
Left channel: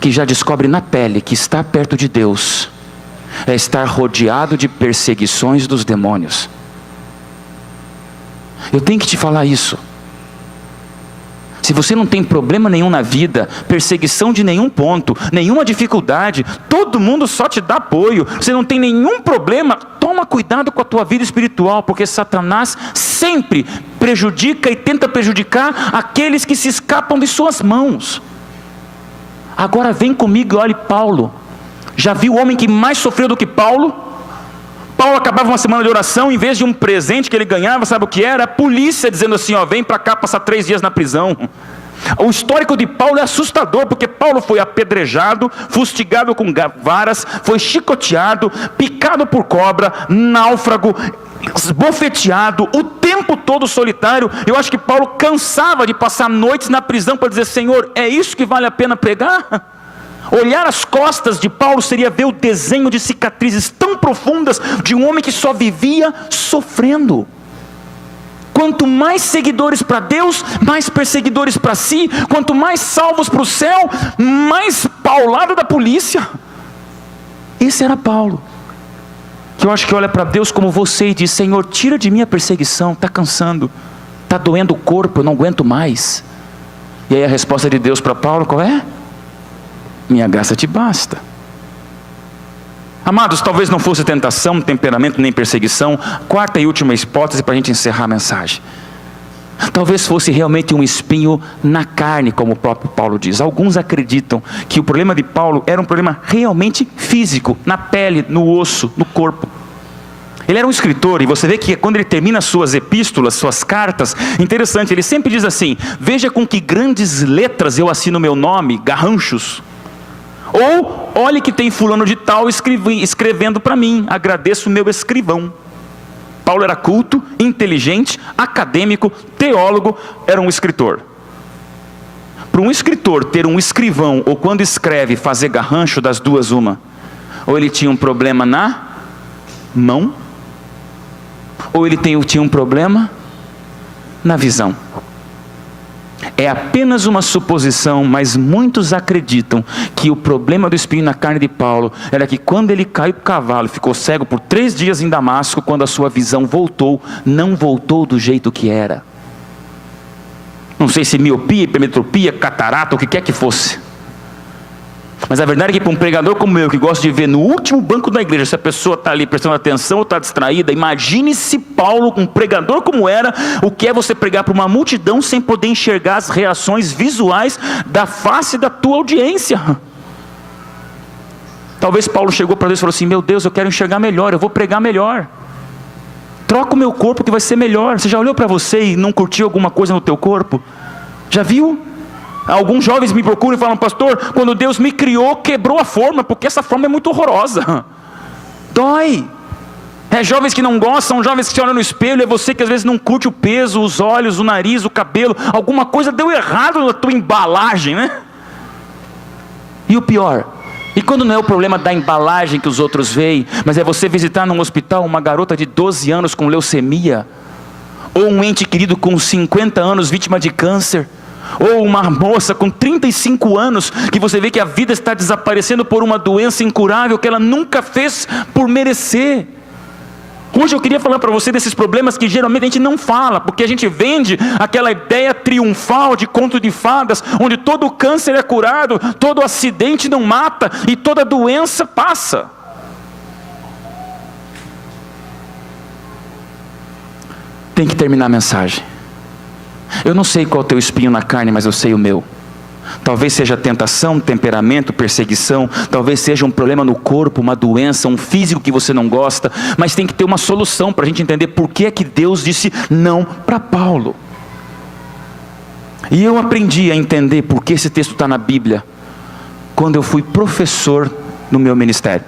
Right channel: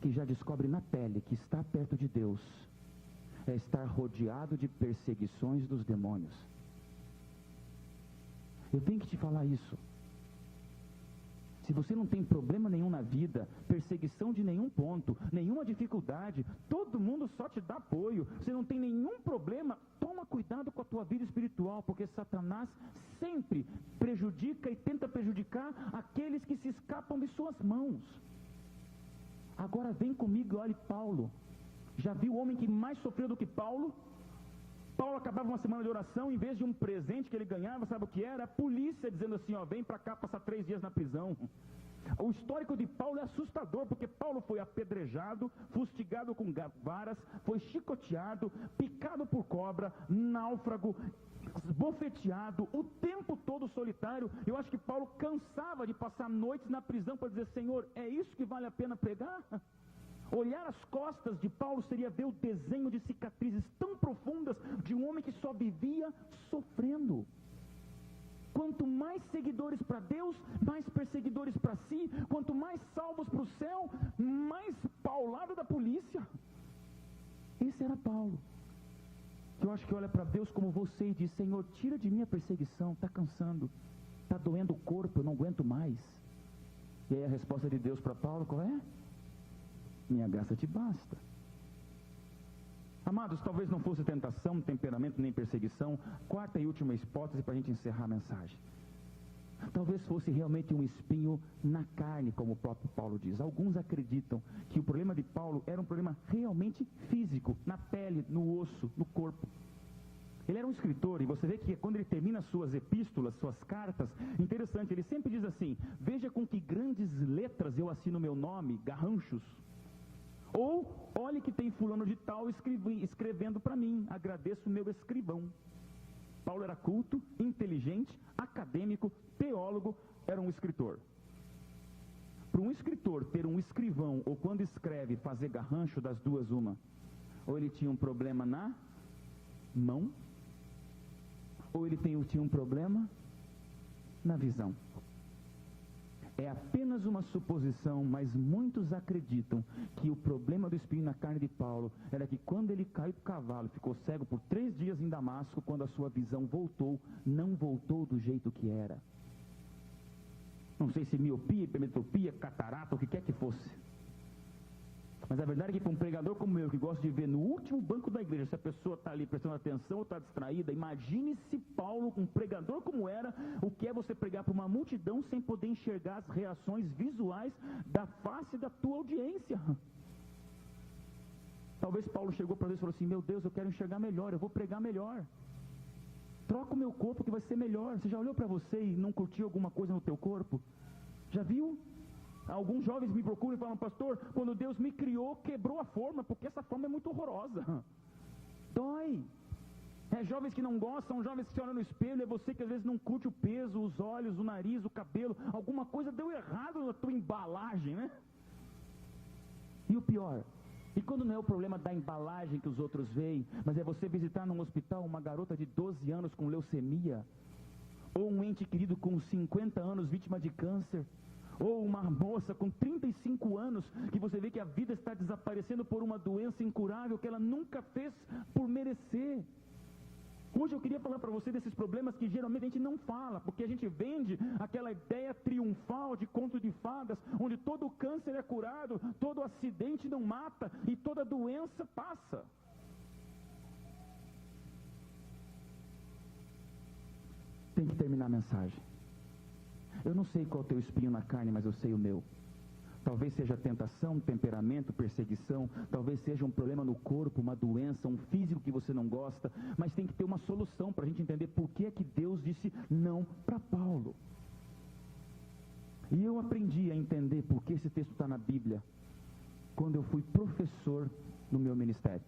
que já descobre na pele que está perto de Deus, é estar rodeado de perseguições dos demônios. Eu tenho que te falar isso. Se você não tem problema nenhum na vida, perseguição de nenhum ponto, nenhuma dificuldade, todo mundo só te dá apoio, você não tem nenhum problema, toma cuidado com a tua vida espiritual, porque Satanás sempre prejudica e tenta prejudicar aqueles que se escapam de suas mãos. Agora vem comigo e olhe Paulo. Já viu o homem que mais sofreu do que Paulo? Paulo acabava uma semana de oração, em vez de um presente que ele ganhava, sabe o que era? A polícia dizendo assim, ó, vem para cá passar 3 dias na prisão. O histórico de Paulo é assustador, porque Paulo foi apedrejado, fustigado com varas, foi chicoteado, picado por cobra, náufrago, esbofeteado, o tempo todo solitário. Eu acho que Paulo cansava de passar noites na prisão para dizer, Senhor, é isso que vale a pena pregar? Olhar as costas de Paulo seria ver o desenho de cicatrizes tão profundas de um homem que só vivia sofrendo. Quanto mais seguidores para Deus, mais perseguidores para si. Quanto mais salvos para o céu, mais paulado da polícia. Esse era Paulo, que eu acho que olha para Deus como você e diz, Senhor, tira de mim a perseguição, está cansando, está doendo o corpo, eu não aguento mais. E aí a resposta de Deus para Paulo qual é? Minha graça te basta. Amados, talvez não fosse tentação, temperamento, nem perseguição. Quarta e última hipótese para a gente encerrar a mensagem. Talvez fosse realmente um espinho na carne, como o próprio Paulo diz. Alguns acreditam que o problema de Paulo era um problema realmente físico, na pele, no osso, no corpo. Ele era um escritor, e você vê que quando ele termina suas epístolas, suas cartas, interessante, ele sempre diz assim, veja com que grandes letras eu assino meu nome, garranchos. Ou, olhe que tem fulano de tal escrevendo para mim, agradeço o meu escrivão. Paulo era culto, inteligente, acadêmico, teólogo, era um escritor. Para um escritor ter um escrivão, ou quando escreve fazer garrancho, das duas uma, ou ele tinha um problema na mão, ou ele tinha um problema na visão. É apenas uma suposição, mas muitos acreditam que o problema do espinho na carne de Paulo era que quando ele caiu do cavalo, ficou cego por 3 dias em Damasco, quando a sua visão voltou, não voltou do jeito que era. Não sei se miopia, hipermetropia, catarata, o que quer que fosse. Mas a verdade é que para um pregador como eu, que gosta de ver no último banco da igreja, se a pessoa está ali prestando atenção ou está distraída, imagine-se Paulo, um pregador como era, o que é você pregar para uma multidão sem poder enxergar as reações visuais da face da tua audiência. Talvez Paulo chegou para Deus e falou assim, meu Deus, eu quero enxergar melhor, eu vou pregar melhor. Troca o meu corpo que vai ser melhor. Você já olhou para você e não curtiu alguma coisa no teu corpo? Já viu? Alguns jovens me procuram e falam, pastor, quando Deus me criou, quebrou a forma, porque essa forma é muito horrorosa. Dói. Jovens que não gostam, jovens que se olham no espelho, é você que às vezes não curte o peso, os olhos, o nariz, o cabelo, alguma coisa deu errado na tua embalagem, né? E o pior, e quando não é o problema da embalagem que os outros veem, mas é você visitar num hospital uma garota de 12 anos com leucemia, ou um ente querido com 50 anos vítima de câncer, ou uma moça com 35 anos, que você vê que a vida está desaparecendo por uma doença incurável que ela nunca fez por merecer. Hoje eu queria falar para você desses problemas que geralmente a gente não fala, porque a gente vende aquela ideia triunfal de conto de fadas, onde todo câncer é curado, todo acidente não mata e toda doença passa. Tem que terminar a mensagem. Eu não sei qual é o teu espinho na carne, mas eu sei o meu. Talvez seja tentação, temperamento, perseguição, talvez seja um problema no corpo, uma doença, um físico que você não gosta, mas tem que ter uma solução para a gente entender por que é que Deus disse não para Paulo. E eu aprendi a entender por que esse texto está na Bíblia, quando eu fui professor no meu ministério.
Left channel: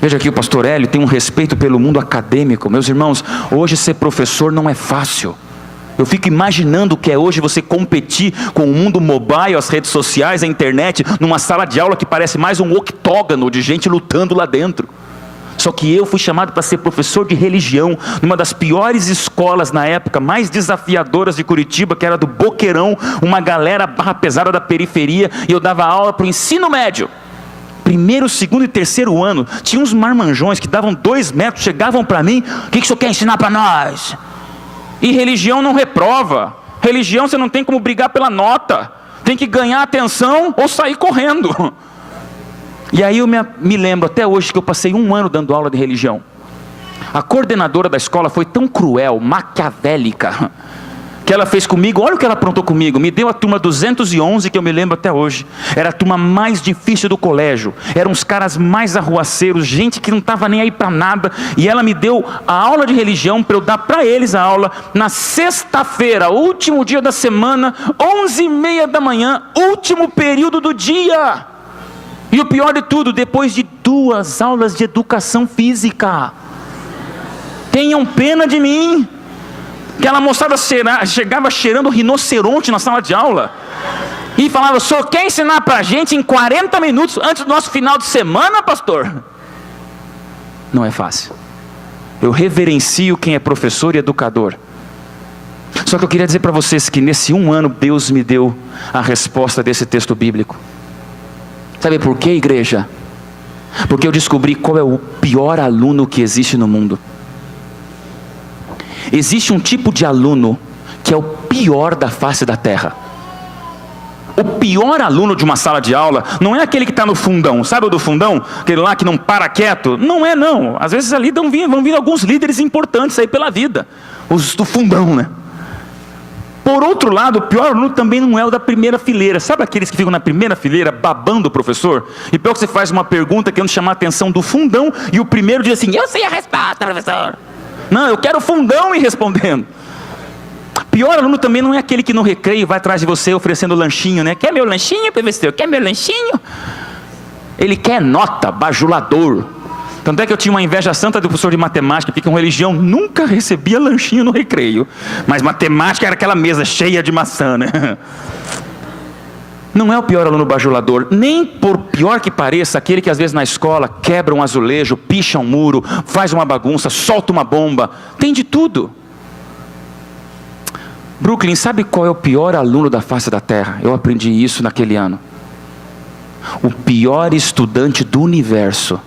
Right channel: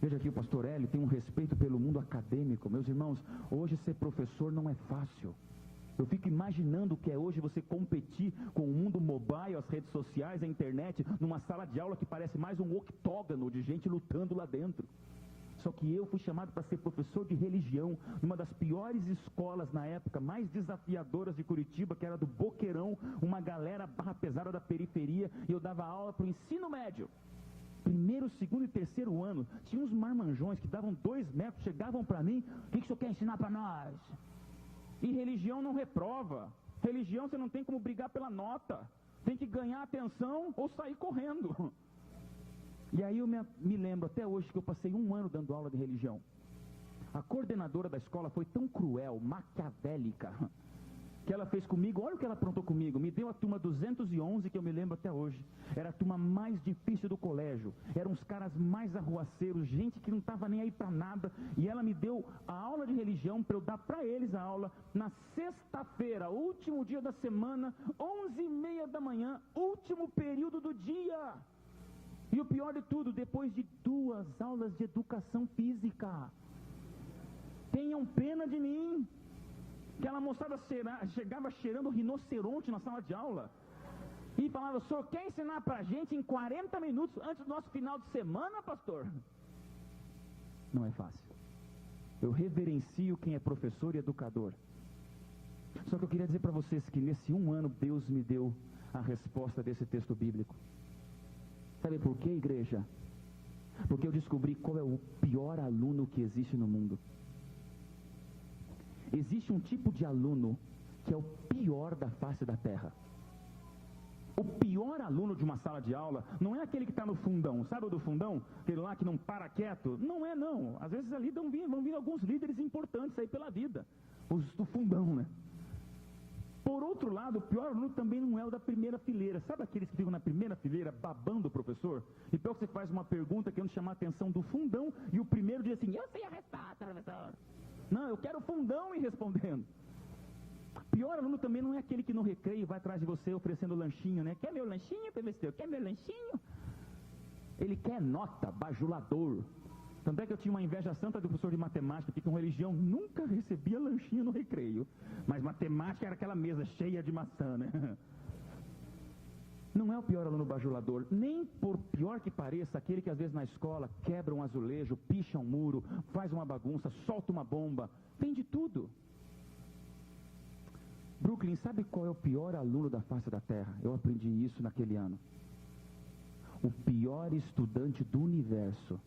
Veja aqui, o pastor Hélio tem um respeito pelo mundo acadêmico. Meus irmãos, hoje ser professor não é fácil. Eu fico imaginando o que é hoje você competir com o mundo mobile, as redes sociais, a internet, numa sala de aula que parece mais um octógono de gente lutando lá dentro. Só que eu fui chamado para ser professor de religião, numa das piores escolas na época, mais desafiadoras de Curitiba, que era do Boqueirão, uma galera barra pesada da periferia, e eu dava aula para o ensino médio. primeiro, segundo e terceiro ano, tinha uns marmanjões que davam 2 metros, chegavam para mim: o que o senhor quer ensinar para nós? E religião não reprova. Religião você não tem como brigar pela nota. Tem que ganhar atenção ou sair correndo. E aí eu me lembro até hoje que eu passei 1 ano dando aula de religião. A coordenadora da escola foi tão cruel, maquiavélica, que ela fez comigo, olha o que ela aprontou comigo. Me deu a turma 211, que eu me lembro até hoje. Era a turma mais difícil do colégio. Eram os caras mais arruaceiros, gente que não estava nem aí para nada. E ela me deu a aula de religião para eu dar para eles a aula na sexta-feira, último dia da semana, 11h30 da manhã, último período do dia. E o pior de tudo, depois de 2 aulas de educação física. Tenham pena de mim. Aquela moçada chegava cheirando rinoceronte na sala de aula e falava: o senhor quer ensinar para a gente em 40 minutos antes do nosso final de semana, pastor? Não é fácil. Eu reverencio quem é professor e educador. Só que eu queria dizer para vocês que nesse 1 ano Deus me deu a resposta desse texto bíblico. Sabe por quê, igreja? Porque eu descobri qual é o pior aluno que existe no mundo. Existe um tipo de aluno que é o pior da face da terra. O pior aluno de uma sala de aula não é aquele que está no fundão. Sabe o do fundão? Aquele lá que não para quieto? Não é não. Às vezes ali vão vir alguns líderes importantes aí pela vida. Os do fundão, né? Por outro lado, o pior aluno também não é o da primeira fileira. Sabe aqueles que ficam na primeira fileira babando o professor? E pior que você faz uma pergunta querendo chamar a atenção do fundão e o primeiro diz assim: eu sei a resposta, professor. Não, eu quero o fundão ir respondendo. Pior aluno também não é aquele que no recreio vai atrás de você oferecendo lanchinho, né? Quer meu lanchinho, professor? Quer meu lanchinho? Ele quer nota, bajulador. Tanto é que eu tinha uma inveja santa do professor de matemática, porque com religião nunca recebia lanchinho no recreio. Mas matemática era aquela mesa cheia de maçã, né? Não é o pior aluno bajulador, nem por pior que pareça, aquele que às vezes na escola quebra um azulejo, picha um muro, faz uma bagunça, solta uma bomba, tem de tudo. Brooklyn, sabe qual é o pior aluno da face da terra? Eu aprendi isso naquele ano. O pior estudante do universo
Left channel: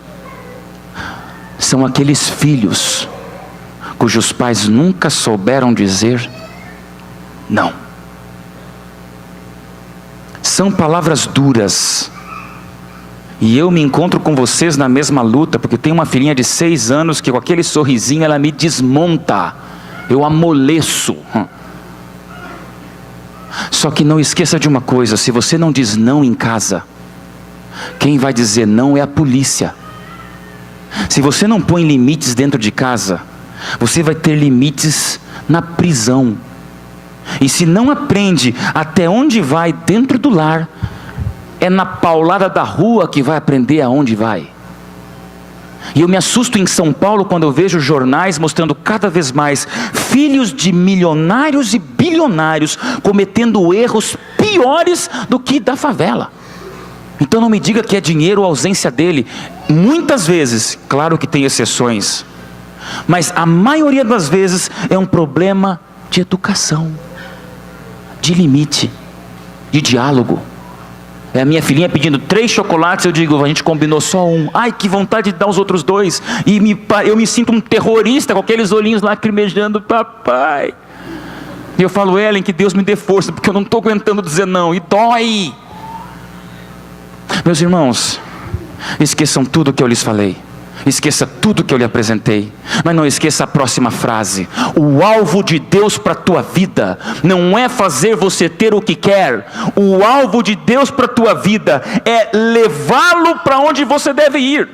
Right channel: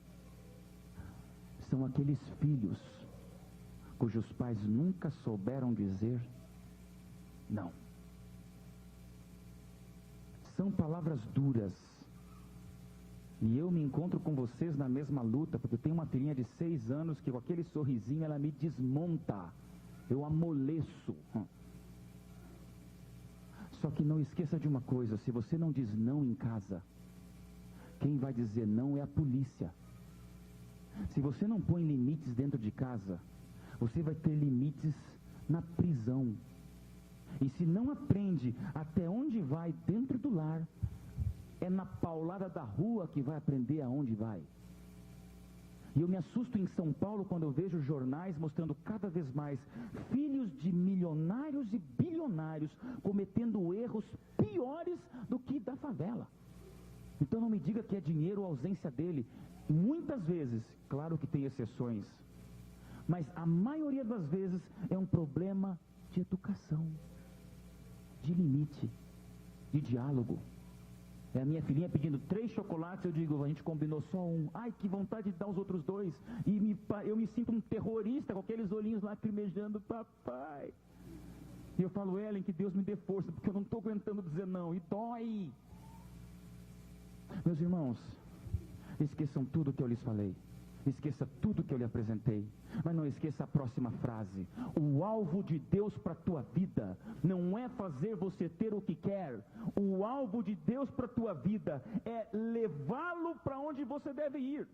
são aqueles filhos cujos pais nunca souberam dizer não. São palavras duras. E eu me encontro com vocês na mesma luta, porque tem uma filhinha de 6 anos que com aquele sorrisinho ela me desmonta. Eu amoleço. Só que não esqueça de uma coisa: se você não diz não em casa, quem vai dizer não é a polícia. Se você não põe limites dentro de casa, você vai ter limites na prisão. E se não aprende até onde vai dentro do lar, é na paulada da rua que vai aprender aonde vai. E eu me assusto em São Paulo quando eu vejo jornais mostrando cada vez mais filhos de milionários e bilionários cometendo erros piores do que da favela. Então não me diga que é dinheiro ou ausência dele. Muitas vezes, claro que tem exceções, mas a maioria das vezes é um problema de educação, de limite, de diálogo. É a minha filhinha pedindo 3 chocolates, eu digo: a gente combinou só 1. Ai, que vontade de dar os outros 2. E eu me sinto um terrorista com aqueles olhinhos lacrimejando: papai. E eu falo: Ellen, que Deus me dê força, porque eu não estou aguentando dizer não, e dói. Meus irmãos, esqueçam tudo o que eu lhes falei. Esqueça tudo que eu lhe apresentei, mas não esqueça a próxima frase: o alvo de Deus para a tua vida não é fazer você ter o que quer. O alvo de Deus para a tua vida é levá-lo para onde você deve ir.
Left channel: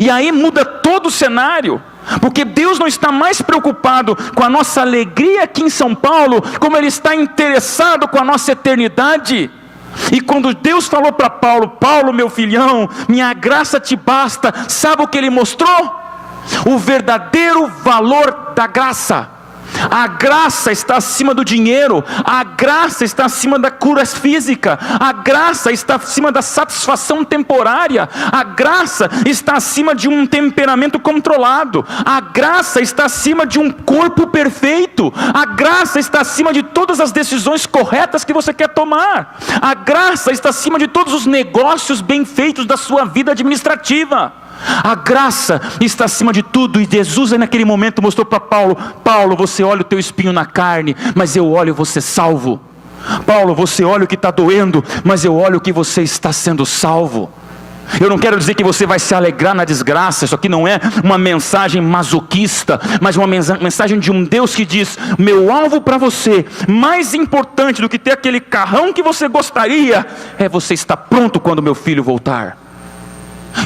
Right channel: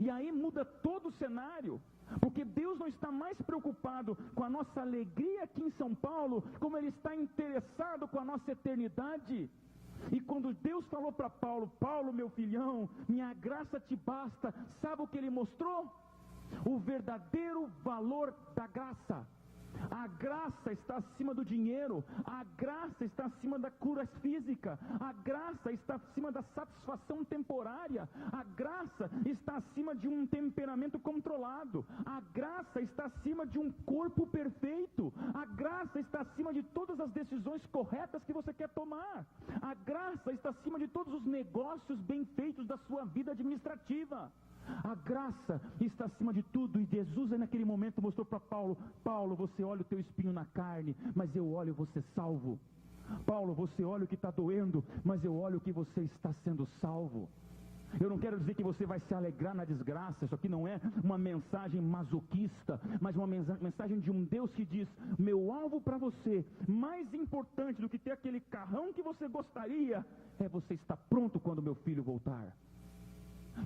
E aí muda todo o cenário, porque Deus não está mais preocupado com a nossa alegria aqui em São Paulo, como Ele está interessado com a nossa eternidade. E quando Deus falou para Paulo: Paulo, meu filhão, minha graça te basta, sabe o que Ele mostrou? O verdadeiro valor da graça. A graça está acima do dinheiro, a graça está acima da cura física, a graça está acima da satisfação temporária, a graça está acima de um temperamento controlado, a graça está acima de um corpo perfeito, a graça está acima de todas as decisões corretas que você quer tomar, a graça está acima de todos os negócios bem feitos da sua vida administrativa. A graça está acima de tudo. E Jesus aí naquele momento mostrou para Paulo: Paulo, você olha o teu espinho na carne, mas eu olho você salvo. Paulo, você olha o que está doendo, mas eu olho que você está sendo salvo. Eu não quero dizer que você vai se alegrar na desgraça. Isso aqui não é uma mensagem masoquista, mas uma mensagem de um Deus que diz: meu alvo para você, mais importante do que ter aquele carrão que você gostaria, é você estar pronto quando meu filho voltar.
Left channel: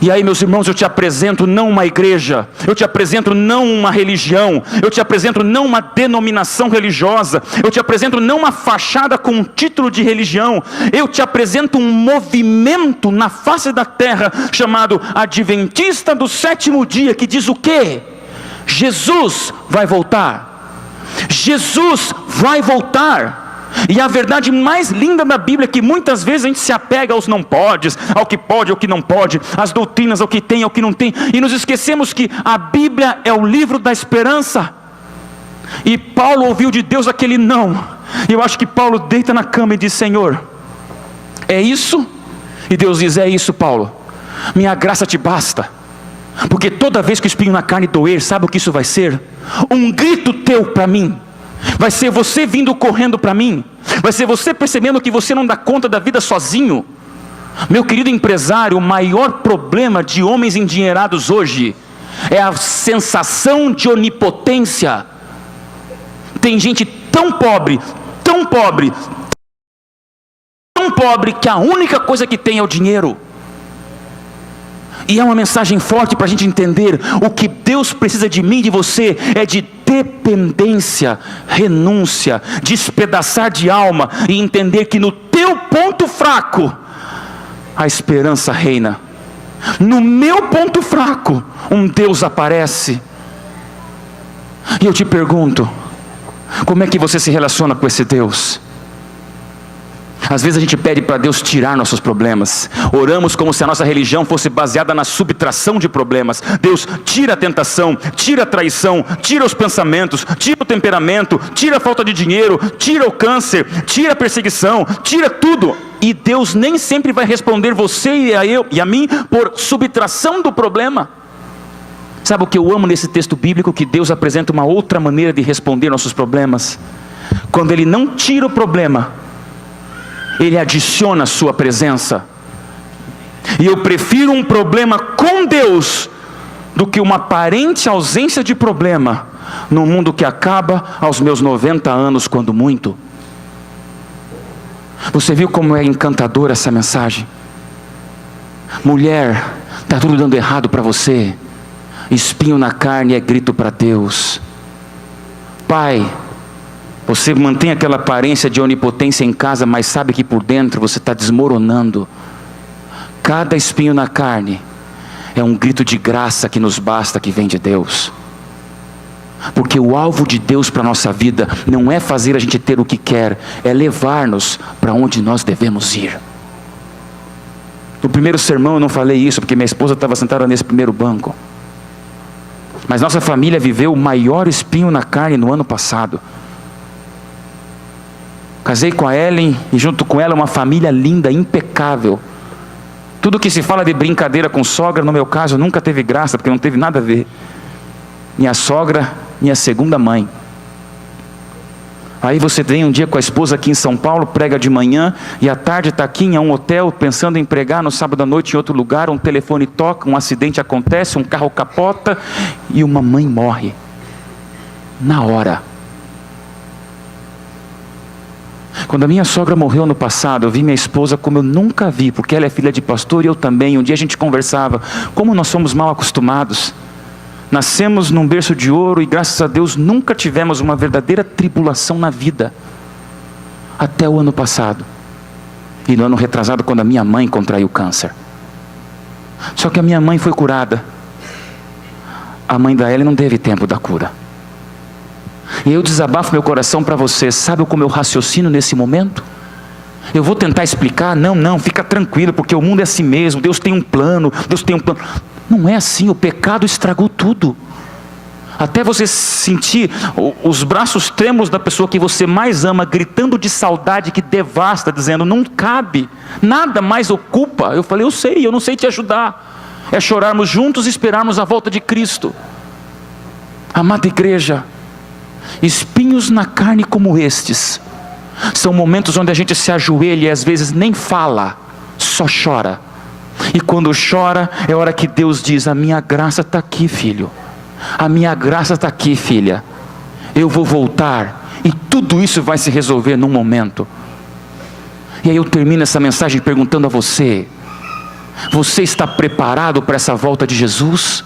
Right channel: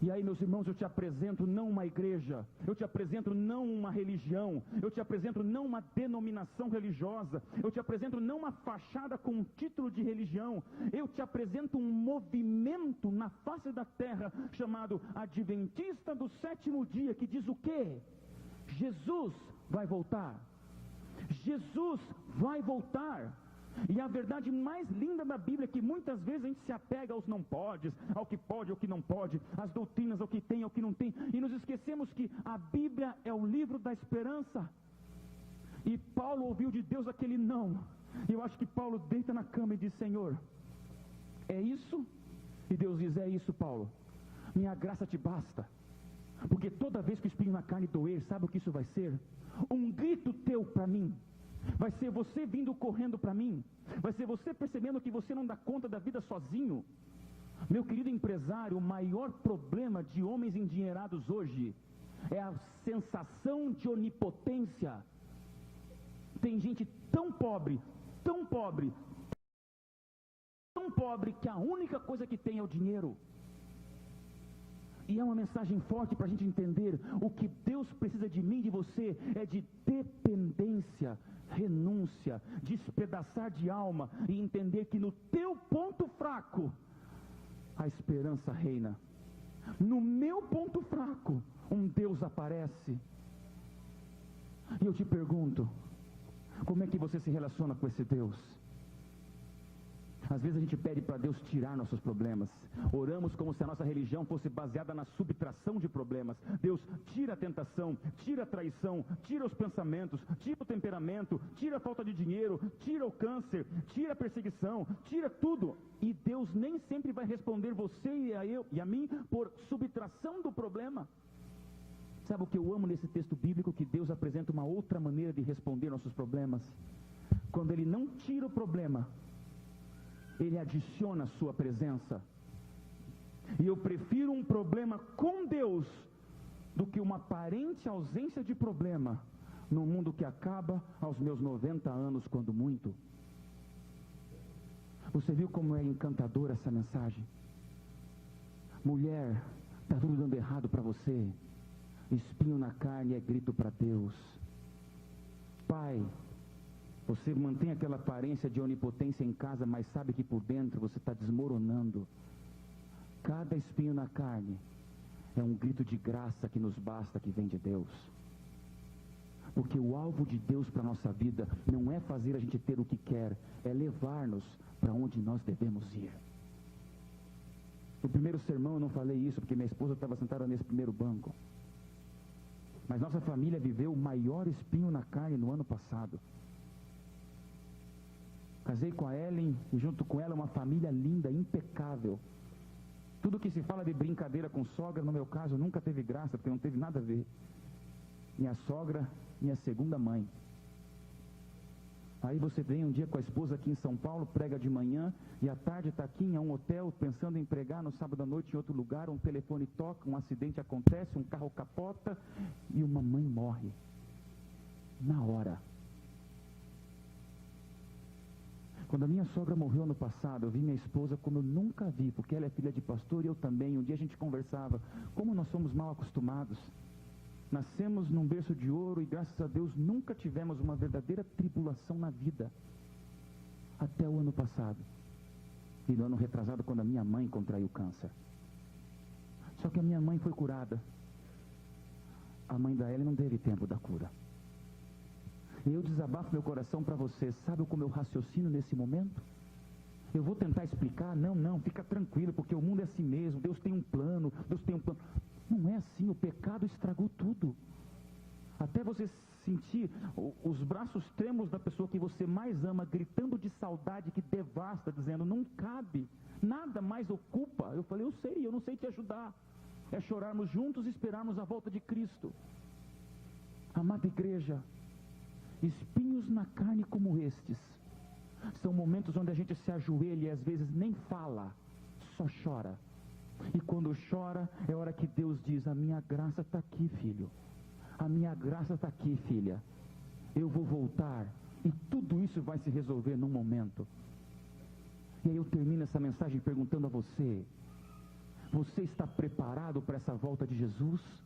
E aí, meus irmãos, eu te apresento não uma igreja, eu te apresento não uma religião, eu te apresento não uma denominação religiosa, eu te apresento não uma fachada com um título de religião, eu te apresento um movimento na face da terra chamado Adventista do Sétimo Dia, que diz o quê? Jesus vai voltar. Jesus vai voltar. E a verdade mais linda da Bíblia é que muitas vezes a gente se apega aos não podes, ao que pode, ao que não pode, às doutrinas, ao que tem, ao que não tem, e nos esquecemos que a Bíblia é o livro da esperança. E Paulo ouviu de Deus aquele não, e eu acho que Paulo deita na cama e diz: Senhor, é isso? E Deus diz: é isso, Paulo, minha graça te basta. Porque toda vez que o espinho na carne doer, sabe o que isso vai ser? Um grito teu para mim. Vai ser você vindo correndo para mim. Vai ser você percebendo que você não dá conta da vida sozinho. Meu querido empresário, o maior problema de homens endinheirados hoje é a sensação de onipotência. Tem gente tão pobre, tão pobre, tão pobre, que a única coisa que tem é o dinheiro. E é uma mensagem forte para a gente entender: o que Deus precisa de mim e de você é de dependência, renúncia, despedaçar de alma e entender que no teu ponto fraco a esperança reina. No meu ponto fraco um Deus aparece. E eu te pergunto: como é que você se relaciona com esse Deus? Às vezes a gente pede para Deus tirar nossos problemas. Oramos como se a nossa religião fosse baseada na subtração de problemas. Deus, tira a tentação, tira a traição, tira os pensamentos, tira o temperamento, tira a falta de dinheiro, tira o câncer, tira a perseguição, tira tudo. E Deus nem sempre vai responder você e a mim por subtração do problema. Sabe o que eu amo nesse texto bíblico? Que Deus apresenta uma outra maneira de responder nossos problemas. Quando Ele não tira o problema, Ele adiciona a sua presença. E eu prefiro um problema com Deus do que uma aparente ausência de problema num mundo que acaba aos meus 90 anos, quando muito. Você viu como é encantadora essa mensagem? Mulher, está tudo dando errado para você. Espinho na carne é grito para Deus. Pai, você mantém aquela aparência de onipotência em casa, mas sabe que por dentro você está desmoronando. Cada espinho na carne é um grito de graça que nos basta, que vem de Deus. Porque o alvo de Deus para a nossa vida não é fazer a gente ter o que quer, é levar-nos para onde nós devemos ir. No primeiro sermão eu não falei isso, porque minha esposa estava sentada nesse primeiro banco. Mas nossa família viveu o maior espinho na carne no ano passado. Casei com a Ellen e junto com ela uma família linda, impecável. Tudo que se fala de brincadeira com sogra, no meu caso, nunca teve graça, porque não teve nada a ver. Minha sogra, minha segunda mãe. Aí você vem um dia com a esposa aqui em São Paulo, prega de manhã, e à tarde está aqui em um hotel, pensando em pregar no sábado à noite em outro lugar, um telefone toca, um acidente acontece, um carro capota, e uma mãe morre. Na hora. Quando a minha sogra morreu no passado, eu vi minha esposa como eu nunca vi, porque ela é filha de pastor e eu também. Um dia a gente conversava, como nós somos mal acostumados. Nascemos num berço de ouro e graças a Deus nunca tivemos uma verdadeira tribulação na vida. Até o ano passado. E no ano retrasado, quando a minha mãe contraiu câncer. Só que a minha mãe foi curada. A mãe da Ellen não teve tempo da cura. E eu desabafo meu coração para você. Sabe como eu raciocino nesse momento? Eu vou tentar explicar, não, fica tranquilo, porque o mundo é assim mesmo, Deus tem um plano. Não é assim, o pecado estragou tudo. Até você sentir os braços trêmulos da pessoa que você mais ama, gritando de saudade que devasta, dizendo, não cabe, nada mais ocupa. Eu falei, eu não sei te ajudar. É chorarmos juntos e esperarmos a volta de Cristo. Amada igreja, espinhos na carne como estes, são momentos onde a gente se ajoelha e às vezes nem fala, só chora. E quando chora, é hora que Deus diz, a minha graça está aqui, filho. A minha graça está aqui, filha. Eu vou voltar e tudo isso vai se resolver num momento. E aí eu termino essa mensagem perguntando a você: você está preparado para essa volta de Jesus?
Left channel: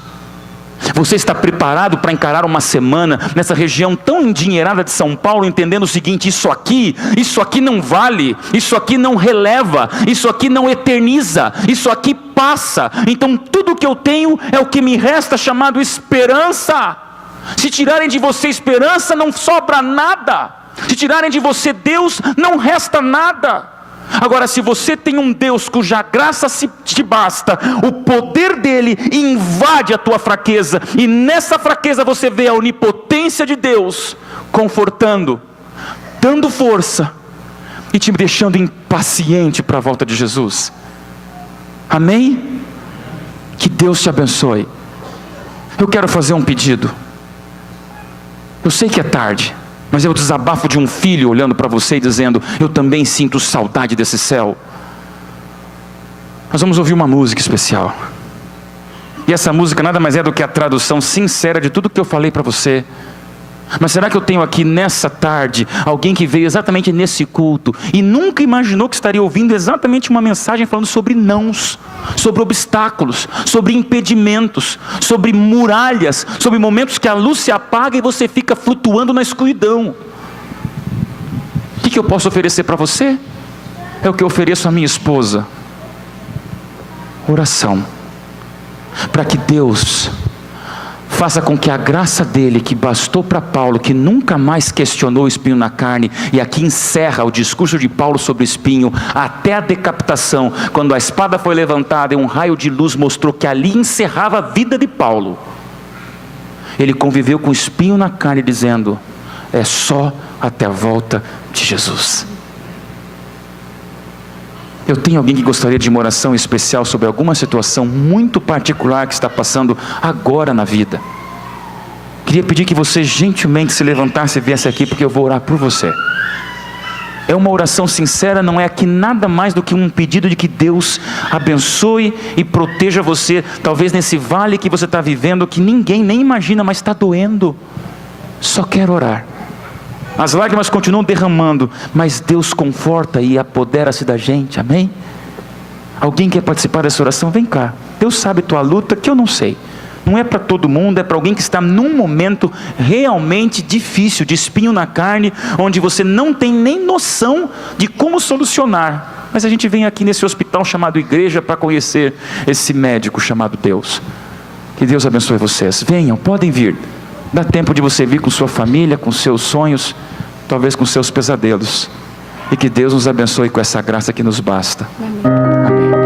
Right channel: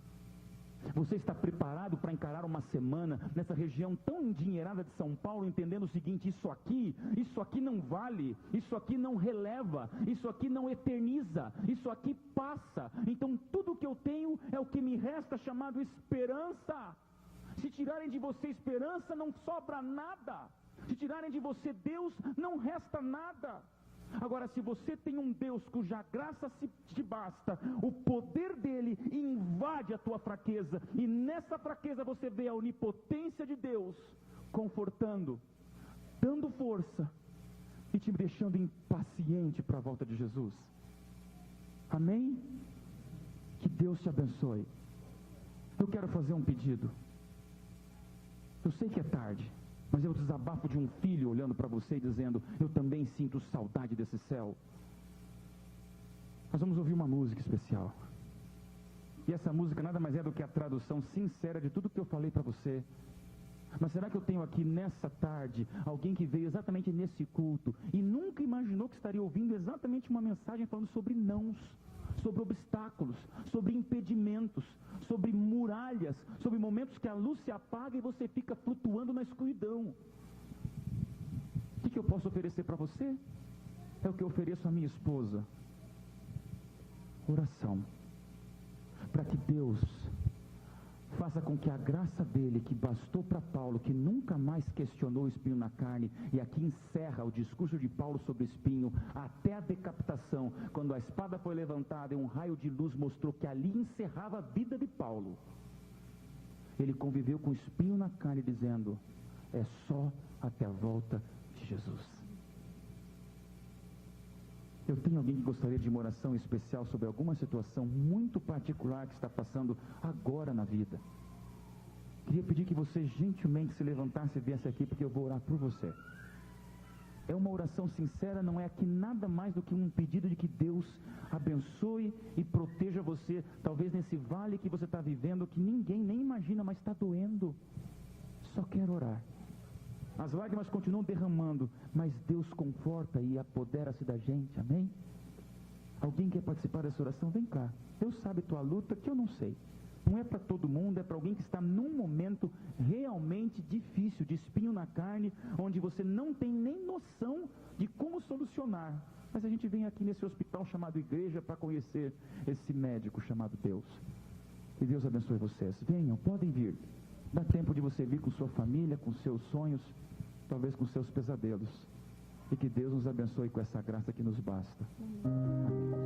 Você está preparado para encarar uma semana nessa região tão endinheirada de São Paulo, entendendo o seguinte: isso aqui não vale, isso aqui não releva, isso aqui não eterniza, isso aqui passa, então tudo que eu tenho é o que me resta, chamado esperança. Se tirarem de você esperança, não sobra nada. Se tirarem de você Deus, não resta nada. Agora, se você tem um Deus cuja graça te basta, o poder dele invade a tua fraqueza, e nessa fraqueza você vê a onipotência de Deus confortando, dando força e te deixando impaciente para a volta de Jesus. Amém? Que Deus te abençoe. Eu quero fazer um pedido. Eu sei que é tarde, mas é o desabafo de um filho olhando para você e dizendo: eu também sinto saudade desse céu. Nós vamos ouvir uma música especial. E essa música nada mais é do que a tradução sincera de tudo que eu falei para você. Mas será que eu tenho aqui nessa tarde alguém que veio exatamente nesse culto e nunca imaginou que estaria ouvindo exatamente uma mensagem falando sobre nãos, sobre obstáculos, sobre impedimentos, sobre muralhas, sobre momentos que a luz se apaga e você fica flutuando na escuridão? O que eu posso oferecer para você? É o que eu ofereço à minha esposa: oração, para que Deus faça com que a graça dele, que bastou para Paulo, que nunca mais questionou o espinho na carne, e aqui encerra o discurso de Paulo sobre o espinho, até a decapitação, quando a espada foi levantada e um raio de luz mostrou que ali encerrava a vida de Paulo. Ele conviveu com o espinho na carne, dizendo: é só até a volta de Jesus. Eu tenho alguém que gostaria de uma oração especial sobre alguma situação muito particular que está passando agora na vida. Queria pedir que você gentilmente se levantasse e viesse aqui, porque eu vou orar por você. É uma oração sincera, não é aqui nada mais do que um pedido de que Deus abençoe e proteja você, talvez nesse vale que você está vivendo, que ninguém nem imagina, mas está doendo. Só quero orar. As lágrimas continuam derramando, mas Deus conforta e apodera-se da gente, amém? Alguém quer participar dessa oração? Vem cá. Deus sabe tua luta, que eu não sei. Não é para todo mundo, é para alguém que está num momento realmente difícil, de espinho na carne, onde você não tem nem noção de como solucionar. Mas a gente vem aqui nesse hospital chamado igreja para conhecer esse médico chamado Deus. Que Deus abençoe vocês. Venham, podem vir. Dá tempo de você vir com sua família, com seus sonhos, talvez com seus pesadelos. E que Deus nos abençoe com essa graça que nos basta. Amém.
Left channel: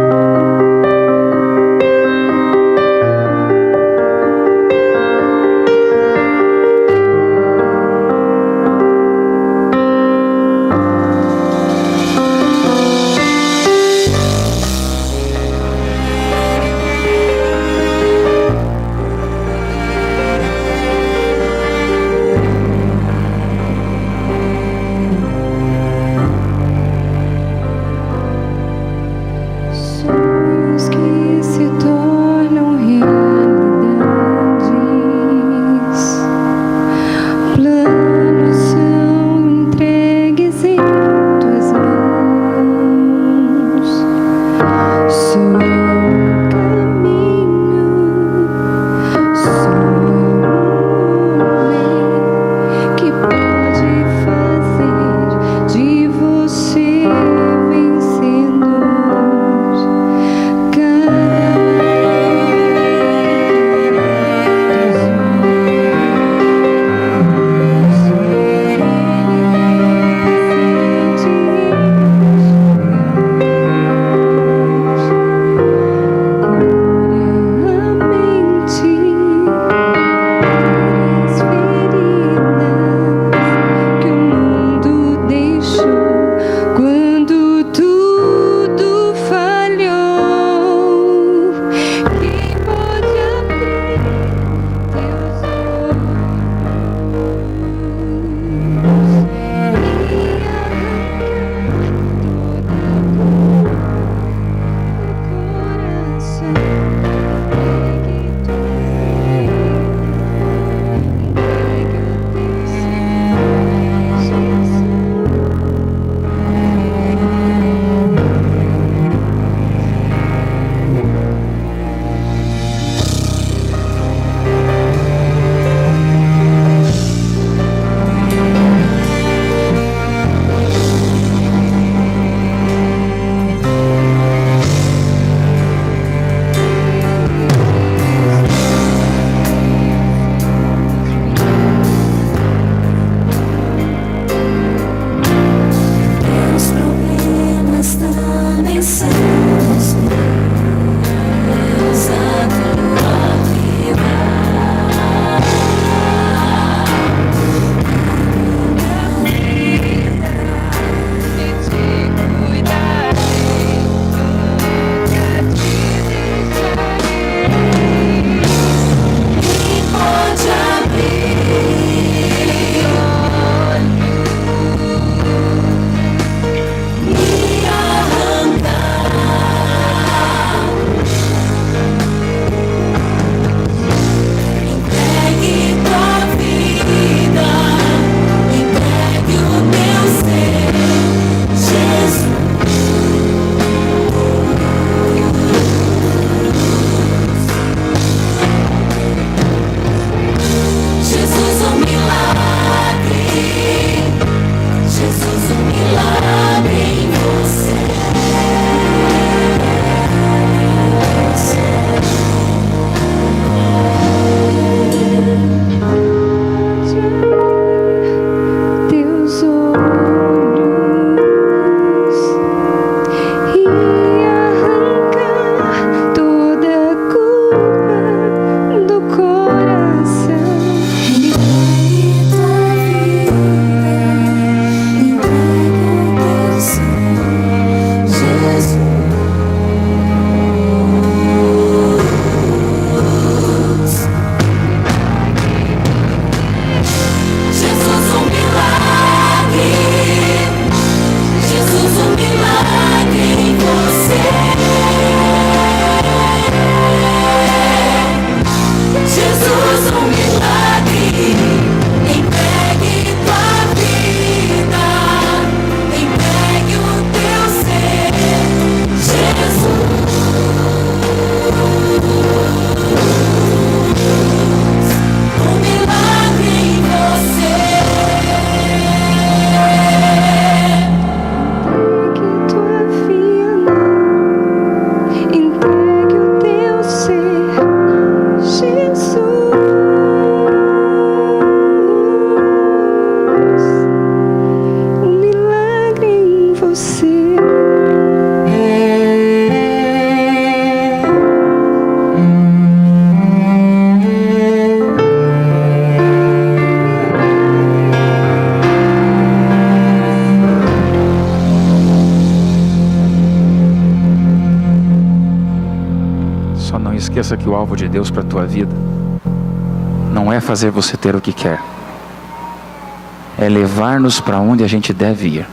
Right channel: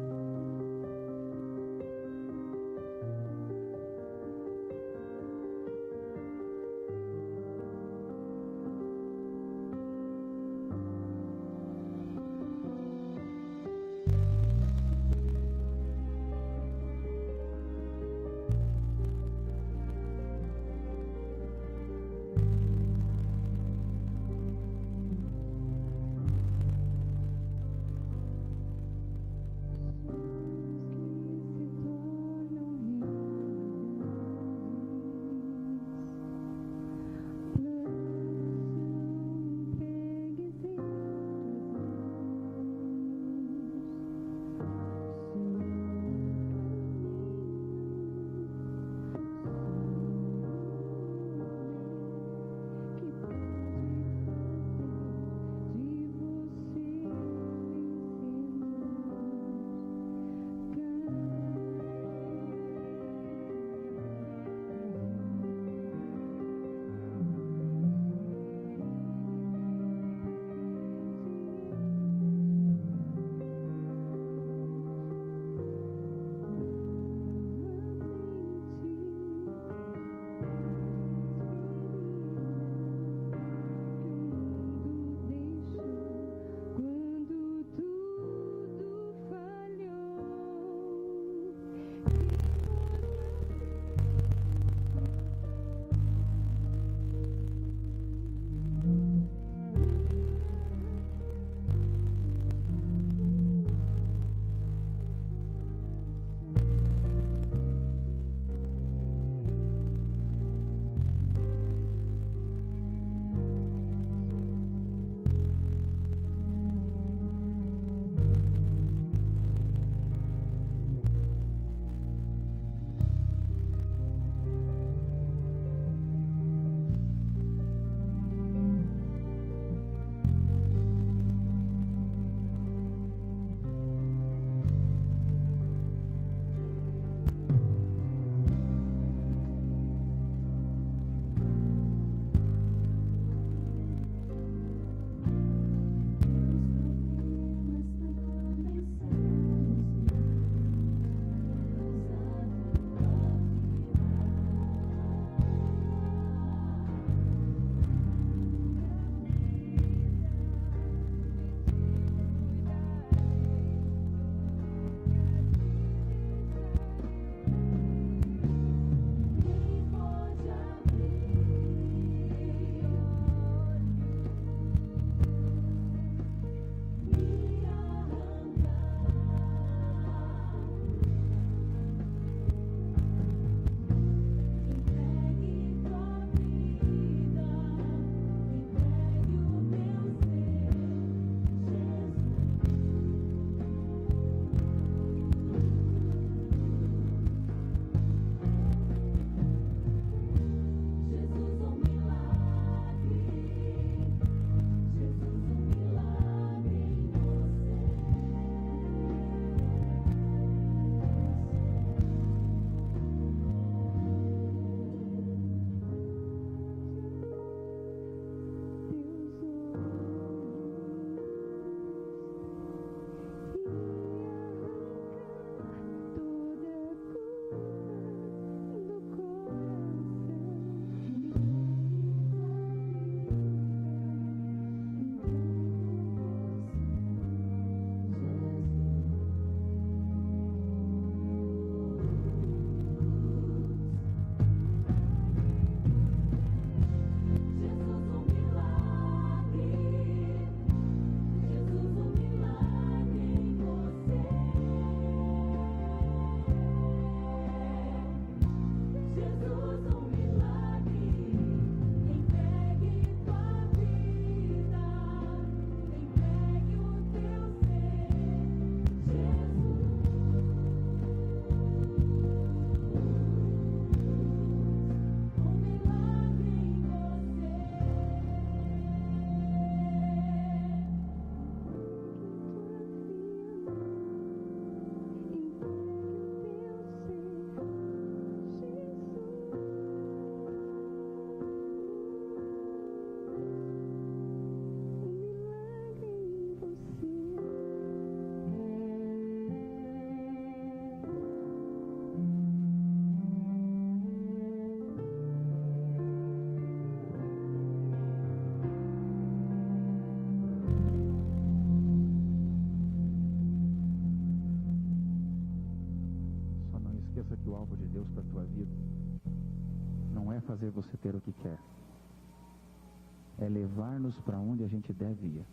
Só não esqueça que o alvo de Deus para a tua vida não é fazer você ter o que quer, é levar-nos para onde a gente deve ir.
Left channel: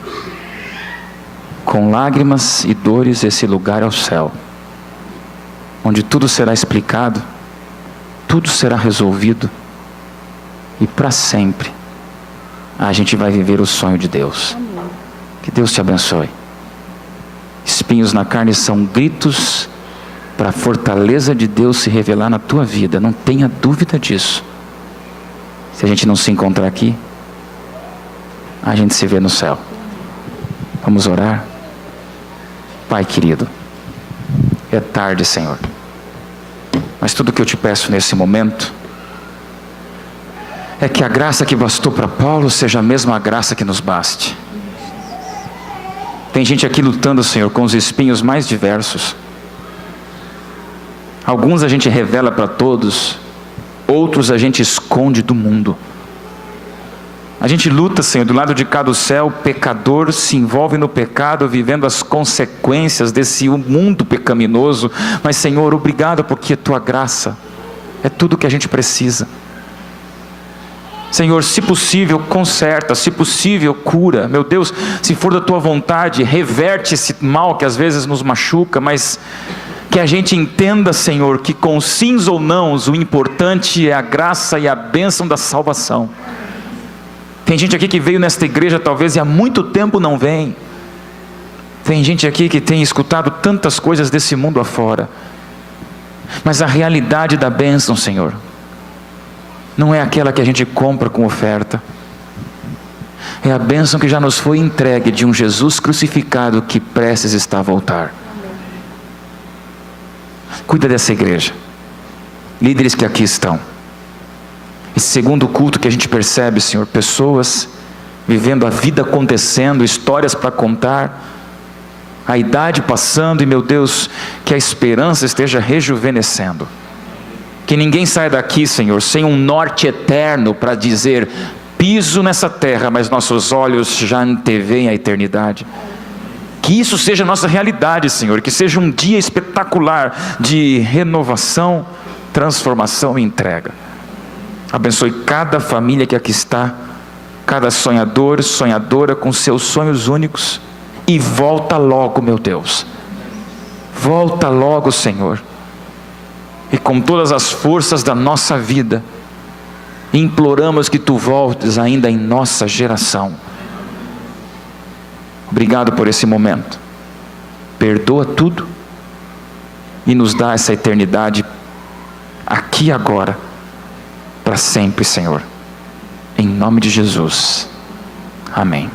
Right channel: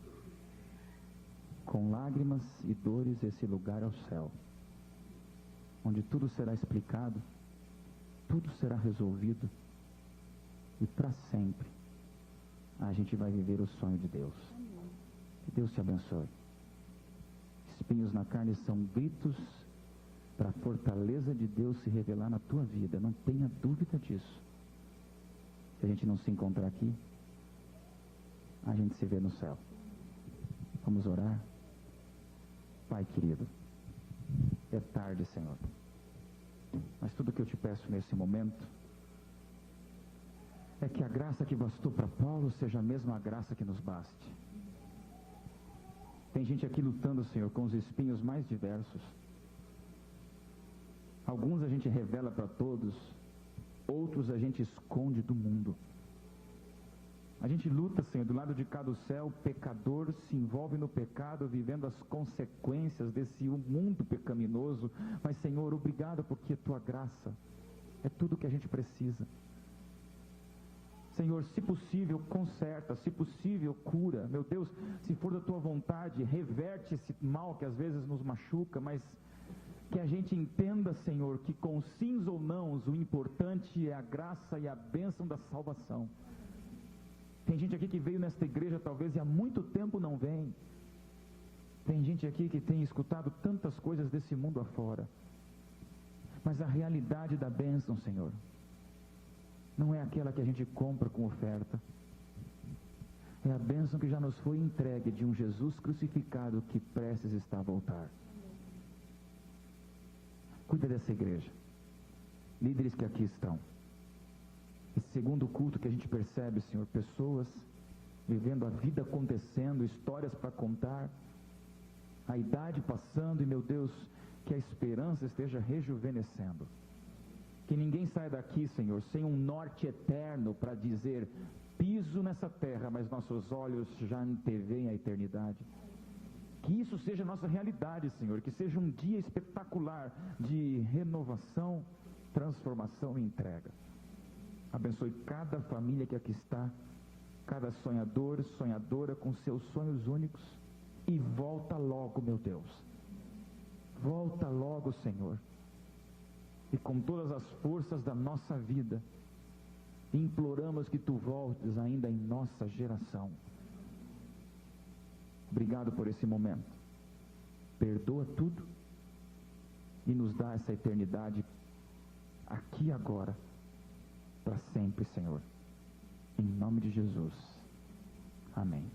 Com lágrimas e dores, esse lugar é o céu, onde tudo será explicado, tudo será resolvido, e para sempre a gente vai viver o sonho de Deus. Que Deus te abençoe. Espinhos na carne são gritos para a fortaleza de Deus se revelar na tua vida, não tenha dúvida disso. Se a gente não se encontrar aqui, a gente se vê no céu. Vamos orar? Pai querido, é tarde, Senhor, mas tudo que eu te peço nesse momento é que a graça que bastou para Paulo seja a mesma graça que nos baste. Tem gente aqui lutando, Senhor, com os espinhos mais diversos. Alguns a gente revela para todos, outros a gente esconde do mundo. A gente luta, Senhor, do lado de cá do céu, o pecador se envolve no pecado, vivendo as consequências desse mundo pecaminoso. Mas, Senhor, obrigado porque a tua graça é tudo que a gente precisa. Senhor, se possível, conserta, se possível, cura. Meu Deus, se for da tua vontade, reverte esse mal que às vezes nos machuca, mas que a gente entenda, Senhor, que com sims ou nãos, o importante é a graça e a bênção da salvação. Tem gente aqui que veio nesta igreja talvez e há muito tempo não vem. Tem gente aqui que tem escutado tantas coisas desse mundo afora. Mas a realidade da bênção, Senhor, não é aquela que a gente compra com oferta. É a bênção que já nos foi entregue de um Jesus crucificado que prestes está a voltar. Cuida dessa igreja. Líderes que aqui estão. Esse segundo culto que a gente percebe, Senhor, pessoas vivendo a vida acontecendo, histórias para contar, a idade passando e, meu Deus, que a esperança esteja rejuvenescendo. Que ninguém saia daqui, Senhor, sem um norte eterno para dizer, piso nessa terra, mas nossos olhos já anteveem a eternidade. Que isso seja a nossa realidade, Senhor, que seja um dia espetacular de renovação, transformação e entrega. Abençoe cada família que aqui está, cada sonhador, sonhadora com seus sonhos únicos, e volta logo, meu Deus. Volta logo, Senhor. E com todas as forças da nossa vida, imploramos que Tu voltes ainda em nossa geração. Obrigado por esse momento. Perdoa tudo e nos dá essa eternidade aqui e agora, para sempre, Senhor. Em nome de Jesus. Amém.